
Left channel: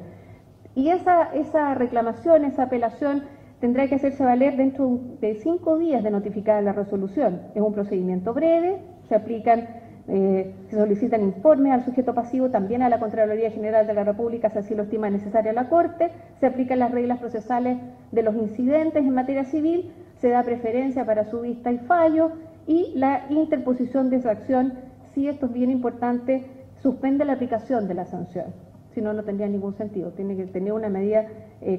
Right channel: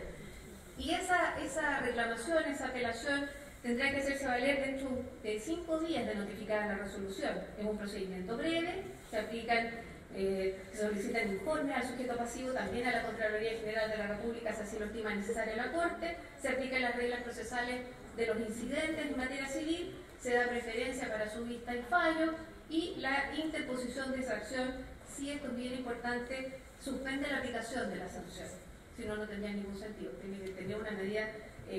Y esa reclamación, esa apelación, tendrá que hacerse valer dentro de 5 días de notificada la resolución. Es un procedimiento breve, se solicitan informes al sujeto pasivo, también a la Contraloría General de la República, si así lo estima necesaria la Corte, se aplican las reglas procesales de los incidentes en materia civil, se da preferencia para su vista y fallo, y la interposición de esa acción, si esto es bien importante, suspende la aplicación de la sanción. Si no, no tendría ningún sentido, tiene que tener una medida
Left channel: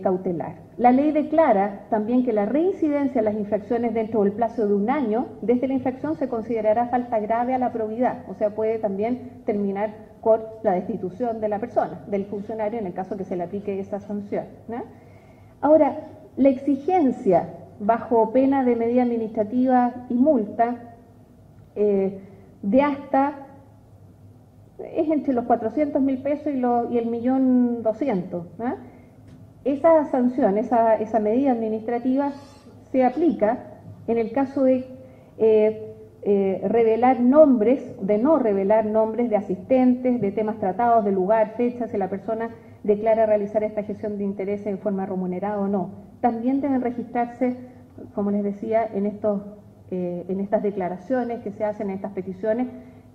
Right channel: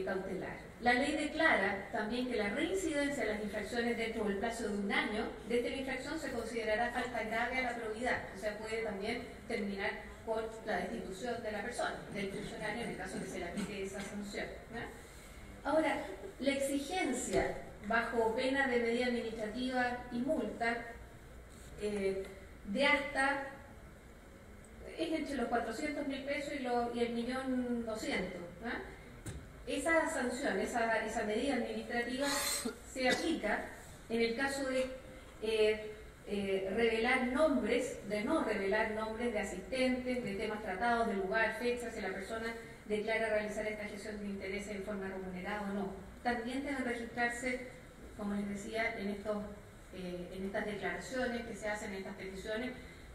cautelar. La ley declara también que la reincidencia de las infracciones dentro del plazo de 1 año desde la infracción se considerará falta grave a la probidad, o sea, puede también terminar con la destitución de la persona, del funcionario, en el caso que se le aplique esa sanción, ¿no? Ahora, la exigencia bajo pena de medida administrativa y multa de hasta es entre los 400.000 pesos y el 1.200.000. Esa sanción, esa medida administrativa se aplica en el caso de no revelar nombres de asistentes, de temas tratados, de lugar, fecha, si la persona declara realizar esta gestión de intereses en forma remunerada o no. También deben registrarse, como les decía, en estas declaraciones que se hacen, en estas peticiones,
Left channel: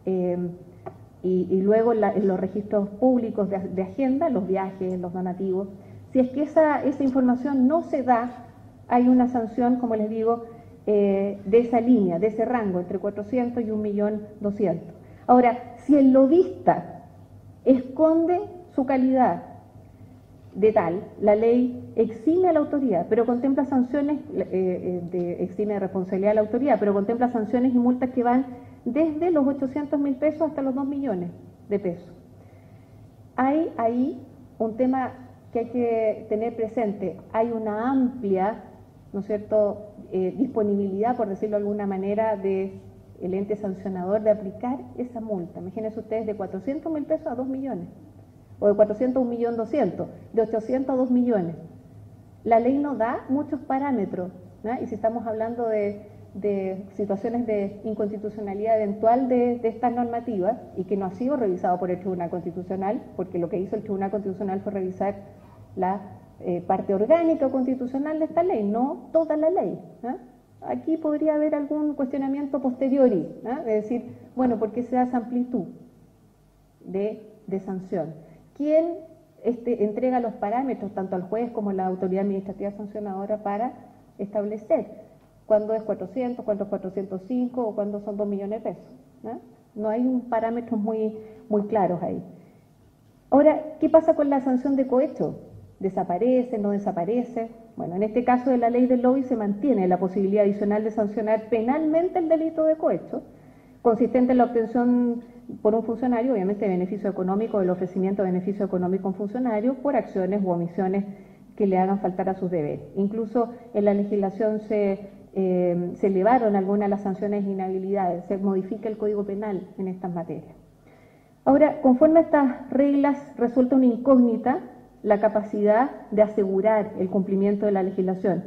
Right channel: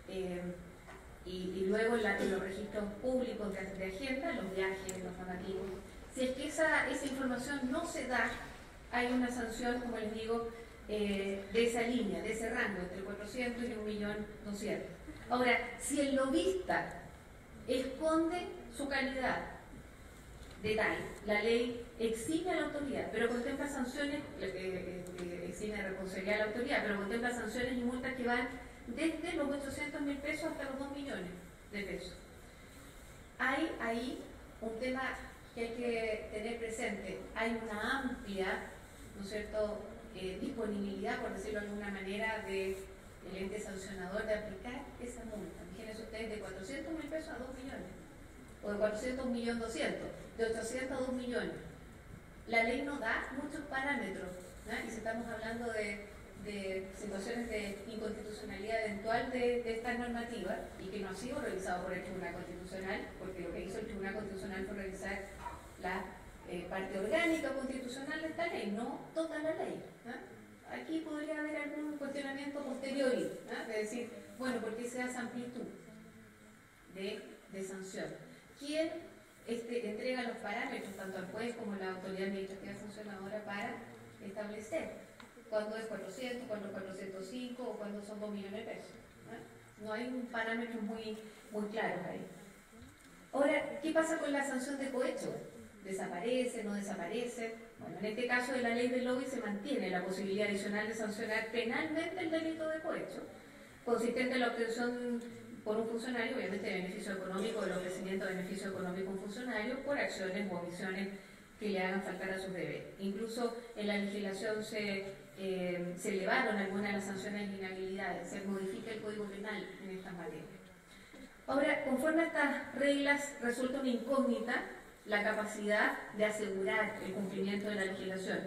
y luego en los registros públicos de Hacienda, los viajes, los donativos. Si es que esa información no se da, hay una sanción, como les digo, de esa línea, de ese rango, entre 400 y 1.200.000. Ahora, si el lobista esconde su calidad de tal, la ley exime a la autoridad, pero contempla sanciones, exime de responsabilidad a la autoridad, pero contempla sanciones y multas que van desde los 800.000 pesos hasta los 2 millones de pesos. Hay ahí un tema que hay que tener presente. Hay una amplia, ¿no es cierto?, disponibilidad, por decirlo de alguna manera, del ente sancionador de aplicar esa multa. Imagínense ustedes, de 400.000 pesos a 2 millones, o de 400 a 1.200.000, de 800 a 2 millones. La ley no da muchos parámetros, ¿no? Y si estamos hablando de situaciones de inconstitucionalidad eventual de esta normativa y que no ha sido revisado por el Tribunal Constitucional, porque lo que hizo el Tribunal Constitucional fue revisar la parte orgánica constitucional de esta ley, no toda la ley. Aquí podría haber algún cuestionamiento posteriori, es decir, bueno, ¿por qué se da esa amplitud de sanción? ¿Quién entrega los parámetros, tanto al juez como a la autoridad administrativa sancionadora, para establecer cuándo es 400, cuándo es 405 o cuándo son 2 millones de pesos? No hay parámetros muy claros ahí. Ahora, ¿qué pasa con la sanción de cohecho? ¿Desaparece, no desaparece? Bueno, en este caso de la ley del lobby se mantiene la posibilidad adicional de sancionar penalmente el delito de cohecho, consistente en la obtención por un funcionario, obviamente, de beneficio económico, del ofrecimiento de beneficio económico a un funcionario por acciones u omisiones que le hagan faltar a sus deberes. Incluso en la legislación se elevaron algunas de las sanciones de inhabilidades, se modifica el Código Penal en estas materias. Ahora, conforme a estas reglas, resulta una incógnita la capacidad de asegurar el cumplimiento de la legislación.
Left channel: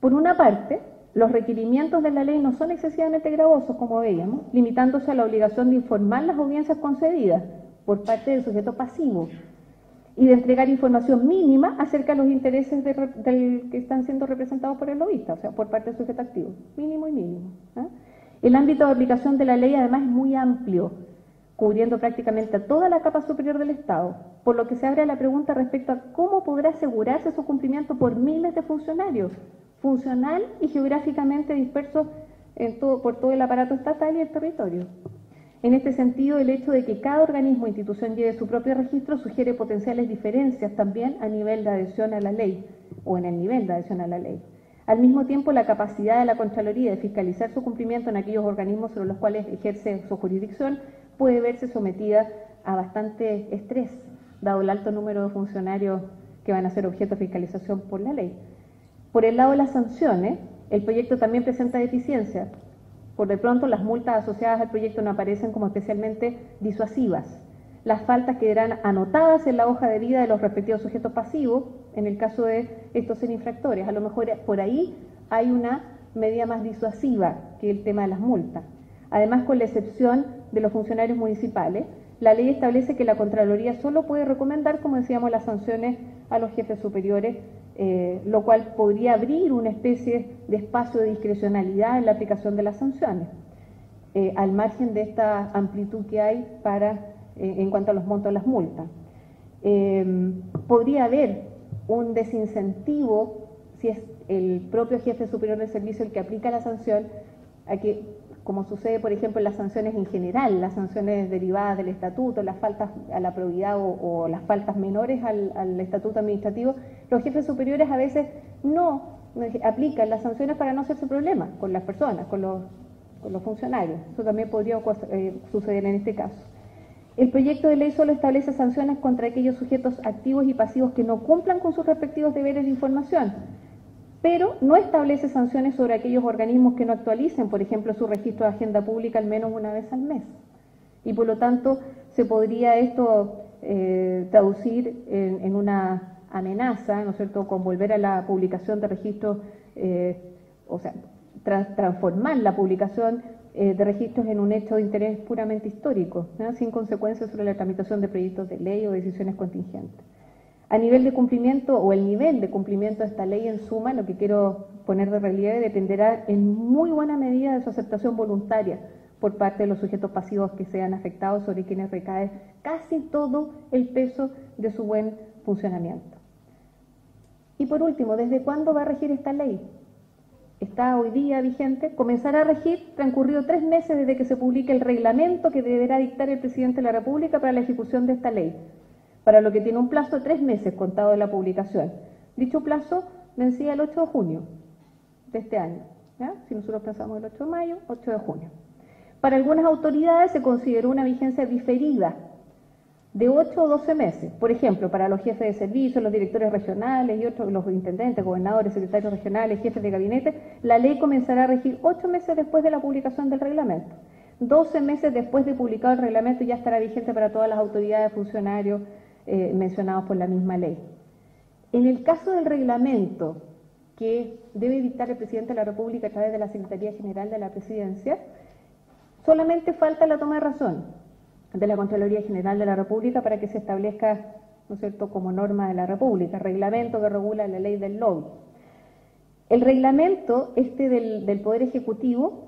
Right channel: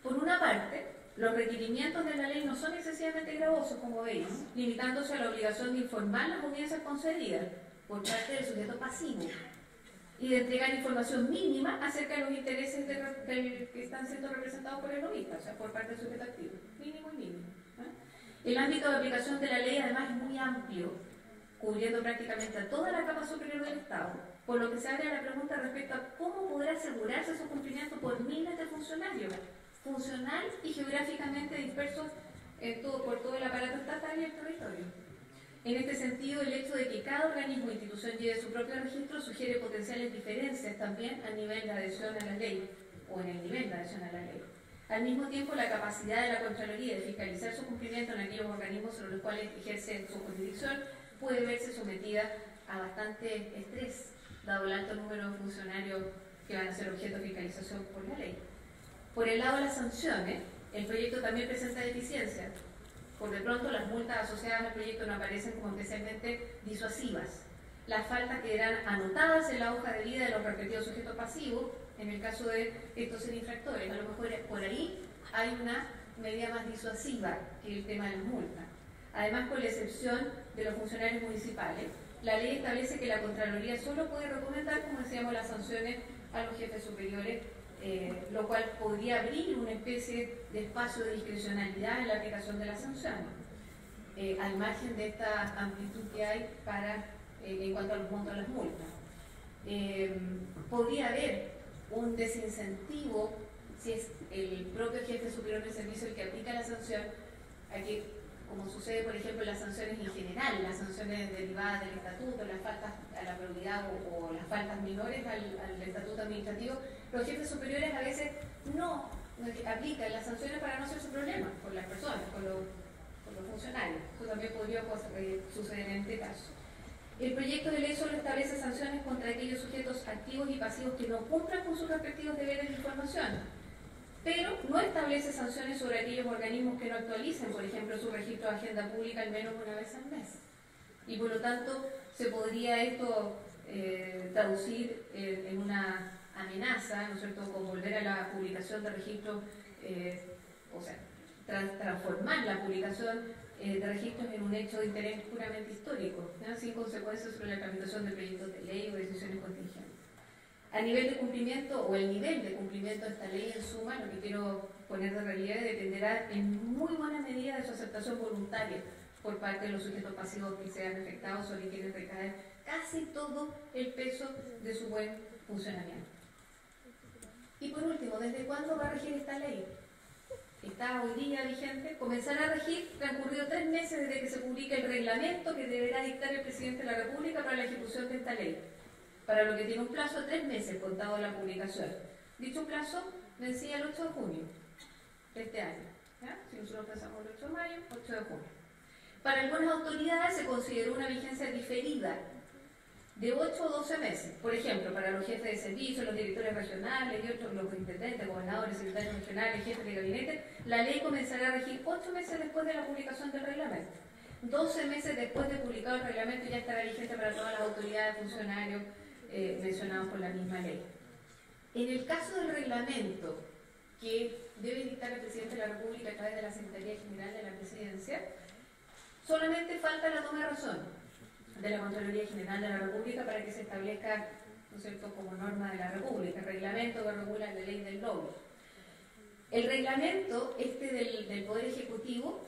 Por una parte, los requerimientos de la ley no son excesivamente gravosos, como veíamos, limitándose a la obligación de informar las audiencias concedidas por parte del sujeto pasivo y de entregar información mínima acerca de los intereses que están siendo representados por el lobista, o sea, por parte del sujeto activo, mínimo y mínimo. El ámbito de aplicación de la ley, además, es muy amplio. cubriendo prácticamente a toda la capa superior del Estado, por lo que se abre la pregunta respecto a cómo podrá asegurarse su cumplimiento por miles de funcionarios, funcional y geográficamente dispersos por todo el aparato estatal y el territorio. En este sentido, el hecho de que cada organismo o institución lleve su propio registro sugiere potenciales diferencias también a nivel de adhesión a la ley, o en el nivel de adhesión a la ley. Al mismo tiempo, la capacidad de la Contraloría de fiscalizar su cumplimiento en aquellos organismos sobre los cuales ejerce su jurisdicción puede verse sometida a bastante estrés, dado el alto número de funcionarios que van a ser objeto de fiscalización por la ley. Por el lado de las sanciones, el proyecto también presenta deficiencias. Por de pronto, las multas asociadas al proyecto no aparecen como especialmente disuasivas. Las faltas quedarán anotadas en la hoja de vida de los respectivos sujetos pasivos, en el caso de estos ser infractores. A lo mejor por ahí hay una medida más disuasiva que el tema de las multas. Además, con la excepción de los funcionarios municipales, la ley establece que la Contraloría solo puede recomendar, como decíamos, las sanciones a los jefes superiores, lo cual podría abrir una especie de espacio de discrecionalidad en la aplicación de las sanciones, al margen de esta amplitud que hay en cuanto a los montos de las multas. Podría haber un desincentivo, si es el propio jefe superior del servicio el que aplica la sanción, a que, como sucede, por ejemplo, en las sanciones en general, las sanciones derivadas del estatuto, las faltas a la probidad o las faltas menores al estatuto administrativo, los jefes superiores a veces no aplican las sanciones para no hacer su problema con las personas, con los funcionarios. Eso también podría suceder en este caso. El proyecto de ley solo establece sanciones contra aquellos sujetos activos y pasivos que no cumplan con sus respectivos deberes de información, pero no establece sanciones sobre aquellos organismos que no actualicen, por ejemplo, su registro de agenda pública al menos una vez al mes. Y por lo tanto, se podría esto traducir en una amenaza, ¿no es cierto?, con volver a la publicación de registros, o sea, transformar la publicación de registros en un hecho de interés puramente histórico, ¿no?, sin consecuencias sobre la tramitación de proyectos de ley o decisiones contingentes. A nivel de cumplimiento o el nivel de cumplimiento de esta ley en suma, lo que quiero poner de relieve dependerá en muy buena medida de su aceptación voluntaria por parte de los sujetos pasivos que sean afectados, sobre quienes recae casi todo el peso de su buen funcionamiento. Y por último, ¿desde cuándo va a regir esta ley? Está hoy día vigente, comenzará a regir transcurrido 3 meses desde que se publique el reglamento que deberá dictar el presidente de la República para la ejecución de esta ley, para lo que tiene un plazo de 3 meses contado de la publicación. Dicho plazo vencía el 8 de junio de este año, ¿ya? Si nosotros pasamos el 8 de mayo, 8 de junio. Para algunas autoridades se consideró una vigencia diferida de 8 o 12 meses. Por ejemplo, para los jefes de servicio, los directores regionales y otros, los intendentes, gobernadores, secretarios regionales, jefes de gabinete, la ley comenzará a regir 8 meses después de la publicación del reglamento. 12 meses después de publicado el reglamento ya estará vigente para todas las autoridades, funcionarios mencionados por la misma ley. En el caso del reglamento que debe dictar el presidente de la República a través de la Secretaría General de la Presidencia, solamente falta la toma de razón de la Contraloría General de la República para que se establezca, ¿no es cierto?, como norma de la República, reglamento que regula la ley del lobby. El reglamento del Poder Ejecutivo,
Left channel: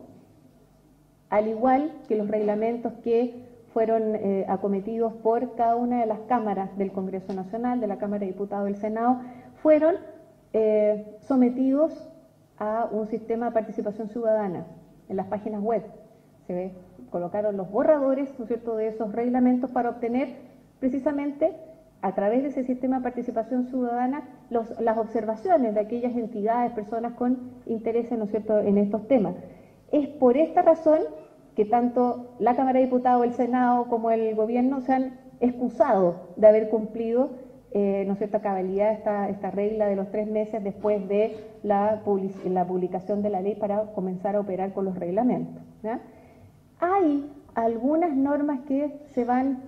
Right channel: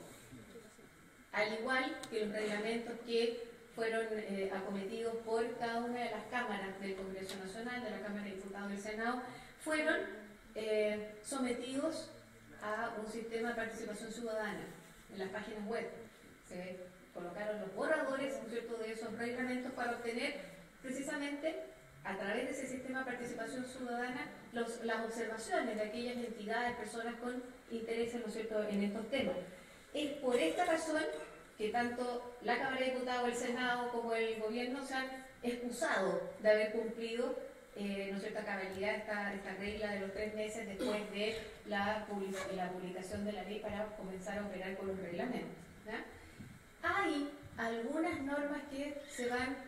al igual que los reglamentos que fueron acometidos por cada una de las cámaras del Congreso Nacional, de la Cámara de Diputados y del Senado, fueron sometidos a un sistema de participación ciudadana en las páginas web. Se colocaron los borradores, ¿no es cierto?, de esos reglamentos para obtener precisamente a través de ese sistema de participación ciudadana las observaciones de aquellas entidades, personas con interés, ¿no es cierto?, en estos temas. Es por esta razón que tanto la Cámara de Diputados, el Senado como el Gobierno se han excusado de haber cumplido, ¿no es cierto?, a cabalidad esta regla de los 3 meses después de la publicación de la ley para comenzar a operar con los reglamentos, ¿ya? Hay algunas normas que se van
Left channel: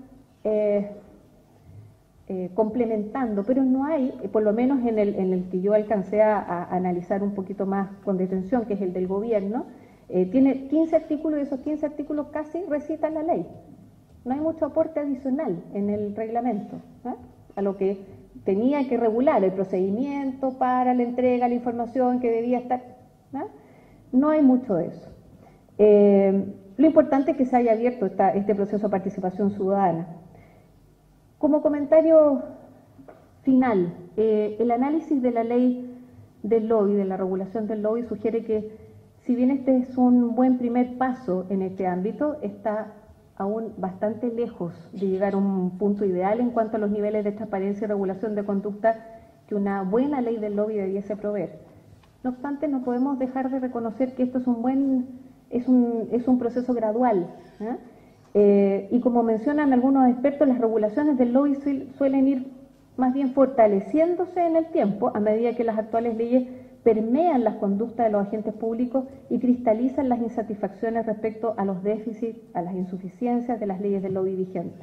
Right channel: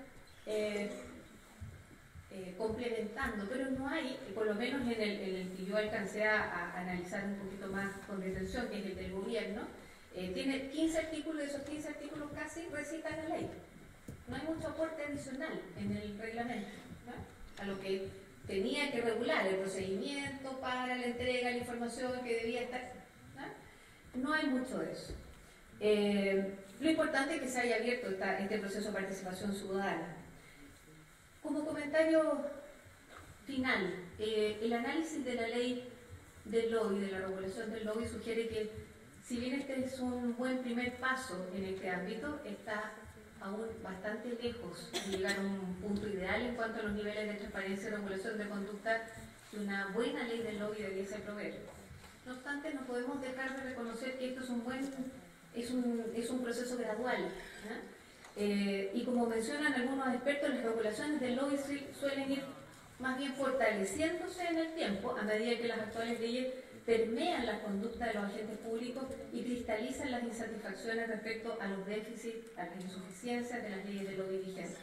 complementando, pero no hay, por lo menos en el que yo alcancé a analizar un poquito más con detención, que es el del Gobierno. Tiene 15 artículos y esos 15 artículos casi recitan la ley. No hay mucho aporte adicional en el reglamento, ¿no?, a lo que tenía que regular el procedimiento para la entrega, la información que debía estar, ¿no? No hay mucho de eso. lo importante es que se haya abierto este proceso de participación ciudadana. Como comentario final, el análisis de la ley del lobby, de la regulación del lobby, sugiere que si bien este es un buen primer paso en este ámbito, está aún bastante lejos de llegar a un punto ideal en cuanto a los niveles de transparencia y regulación de conducta que una buena ley del lobby debiese proveer. No obstante, no podemos dejar de reconocer que esto es un proceso gradual, ¿eh? Y como mencionan algunos expertos, las regulaciones del lobby suelen ir más bien fortaleciéndose en el tiempo a medida que las actuales leyes permean las conductas de los agentes públicos y cristalizan las insatisfacciones respecto a los déficits, a las insuficiencias de las leyes del lobby vigentes.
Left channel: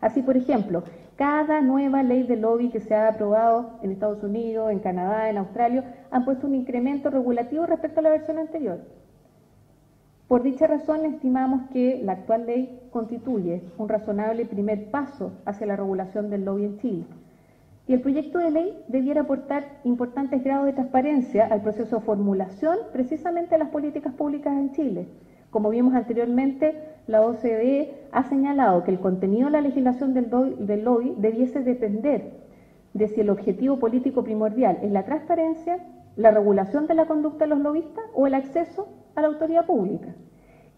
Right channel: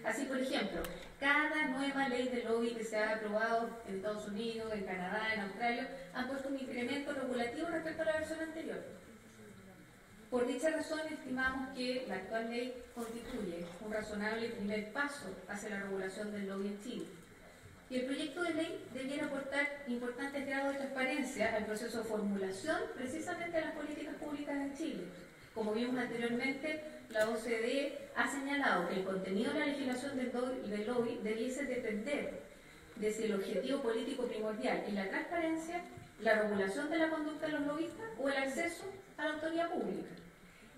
Así, por ejemplo, cada nueva ley de lobby que se ha aprobado en Estados Unidos, en Canadá, en Australia, han puesto un incremento regulativo respecto a la versión anterior. Por dicha razón, estimamos que la actual ley constituye un razonable primer paso hacia la regulación del lobby en Chile. Y el proyecto de ley debiera aportar importantes grados de transparencia al proceso de formulación precisamente de las políticas públicas en Chile. Como vimos anteriormente, la OCDE ha señalado que el contenido de la legislación del lobby debiese depender de si el objetivo político primordial es la transparencia, la regulación de la conducta de los lobistas o el acceso a la autoridad pública.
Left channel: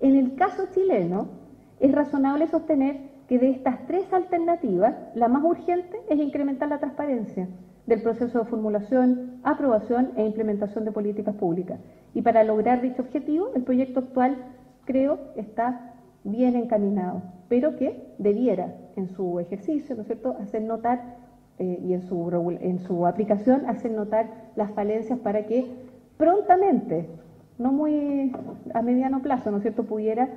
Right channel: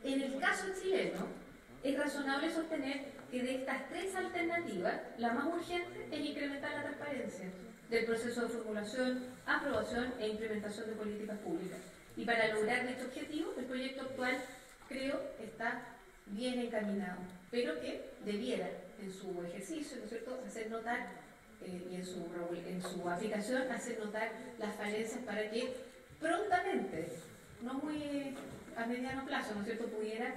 En el caso chileno, es razonable sostener que de estas tres alternativas, la más urgente es incrementar la transparencia del proceso de formulación, aprobación e implementación de políticas públicas. Y para lograr dicho objetivo, el proyecto actual, creo, está bien encaminado, pero que debiera, en su ejercicio, ¿no es cierto?, hacer notar, y en su aplicación, hacer notar las falencias para que prontamente, no muy a mediano plazo, ¿no es cierto?, pudiera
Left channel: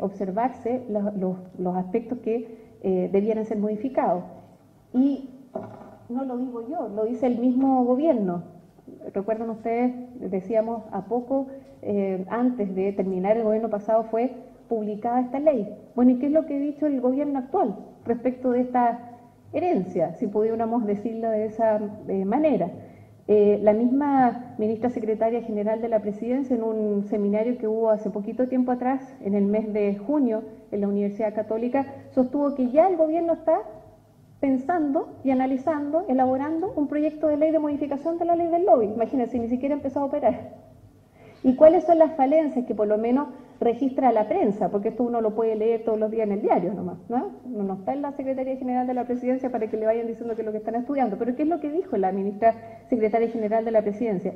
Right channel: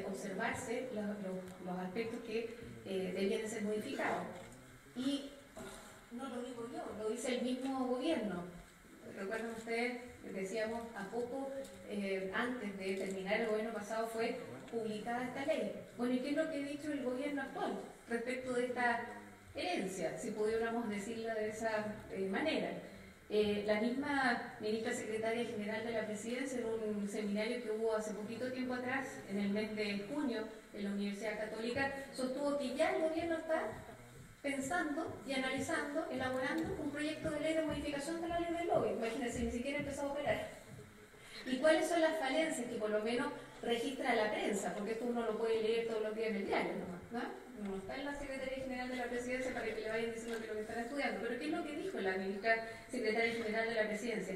observarse los aspectos que debieran ser modificados. Y no lo digo yo, lo dice el mismo gobierno. Recuerdan ustedes, decíamos a poco antes de terminar el gobierno pasado fue publicada esta ley. Bueno, ¿y qué es lo que ha dicho el gobierno actual respecto de esta herencia, si pudiéramos decirlo de esa manera? La misma ministra secretaria general de la Presidencia, en un seminario que hubo hace poquito tiempo atrás, en el mes de junio, en la Universidad Católica, sostuvo que ya el gobierno está pensando y analizando, elaborando un proyecto de ley de modificación de la ley del lobby. Imagínense, ni siquiera ha empezado a operar. ¿Y cuáles son las falencias que por lo menos registra la prensa? Porque esto uno lo puede leer todos los días en el diario nomás, ¿no? No está en la Secretaría General de la Presidencia para que le vayan diciendo que es lo que están estudiando. Pero ¿qué es lo que dijo la ministra Secretaria General de la Presidencia?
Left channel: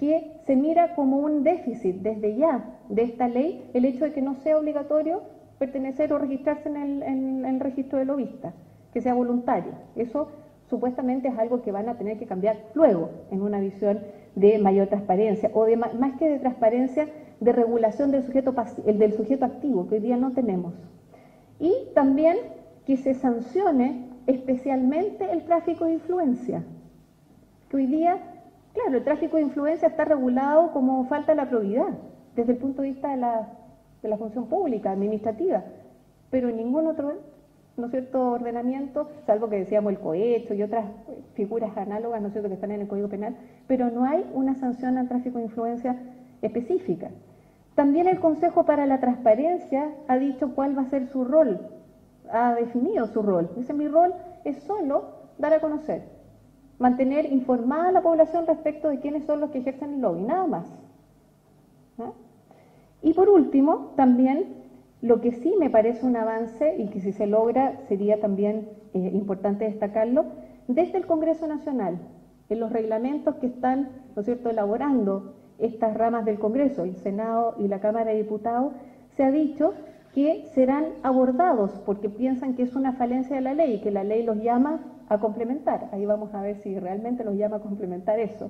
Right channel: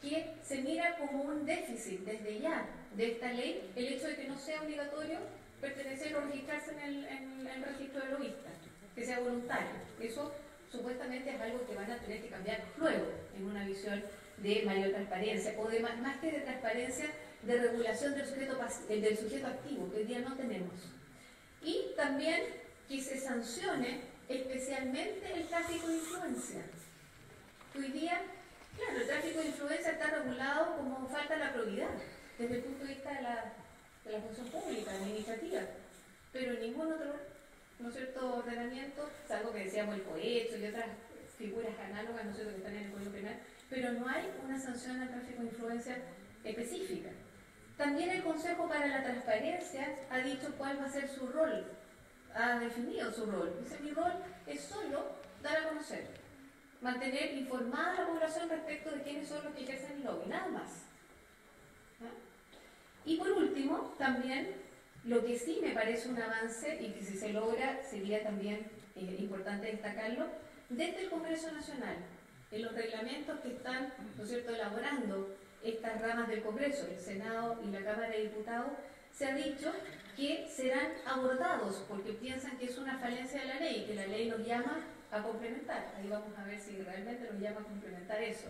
Que se mira como un déficit desde ya de esta ley el hecho de que no sea obligatorio pertenecer o registrarse en el registro de lobistas, que sea voluntario. Eso supuestamente es algo que van a tener que cambiar luego en una visión de mayor transparencia o de más que de transparencia, de regulación del sujeto activo, que hoy día no tenemos. Y también que se sancione especialmente el tráfico de influencia. Que hoy día, claro, el tráfico de influencia está regulado como falta de la probidad, desde el punto de vista de la función pública, administrativa, pero en ningún otro, ¿no es cierto?, ordenamiento, salvo que decíamos el cohecho y otras figuras análogas, ¿no es cierto?, que están en el Código Penal, pero no hay una sanción al tráfico de influencia específica. También el Consejo para la Transparencia ha dicho cuál va a ser su rol, ha definido su rol. Dice, mi rol es solo dar a conocer, mantener informada a la población respecto de quiénes son los que ejercen el lobby, nada más. ¿No? Y por último, también lo que sí me parece un avance y que si se logra sería también importante destacarlo, desde el Congreso Nacional, en los reglamentos que están, ¿no es cierto?, elaborando estas ramas del Congreso, el Senado y la Cámara de Diputados, se ha dicho que serán abordados porque piensan que es una falencia de la ley y que la ley los llama a complementar. Ahí vamos a ver si realmente los llama a complementar eso.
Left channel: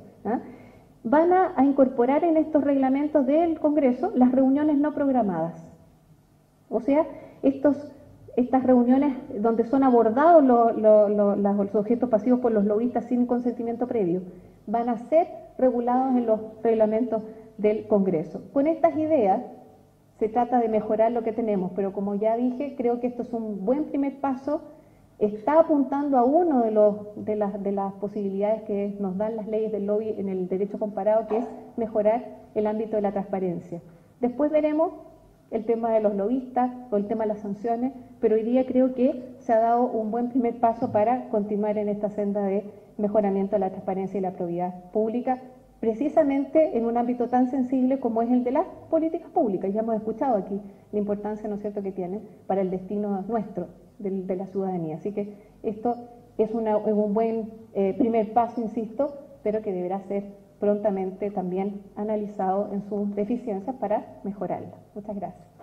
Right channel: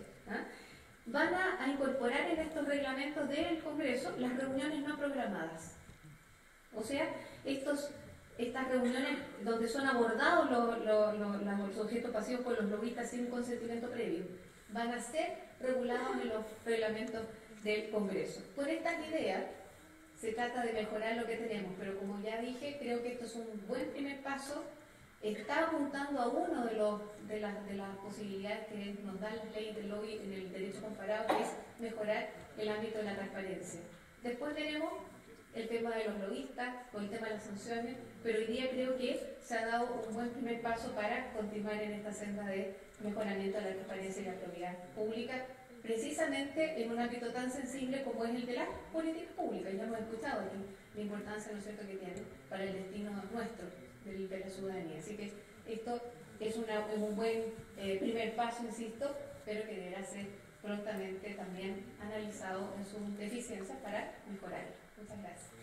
Van a incorporar en estos reglamentos del Congreso las reuniones no programadas. O sea, estas reuniones donde son abordados los objetos pasivos por los lobistas sin consentimiento previo, van a ser regulados en los reglamentos del Congreso. Con estas ideas se trata de mejorar lo que tenemos, pero como ya dije, creo que esto es un buen primer paso, está apuntando a uno de las posibilidades que nos dan las leyes del lobby en el derecho comparado, que es mejorar el ámbito de la transparencia. Después veremos el tema de los lobistas o el tema de las sanciones, pero hoy día creo que se ha dado un buen primer paso para continuar en esta senda de mejoramiento de la transparencia y la probidad pública, precisamente en un ámbito tan sensible como es el de las políticas públicas. Ya hemos escuchado aquí la importancia, ¿no es cierto?, que tiene para el destino nuestro, de la ciudadanía. Así que esto es un buen primer paso, insisto, pero que deberá ser prontamente también analizado en sus deficiencias para mejorarlo. Muchas gracias.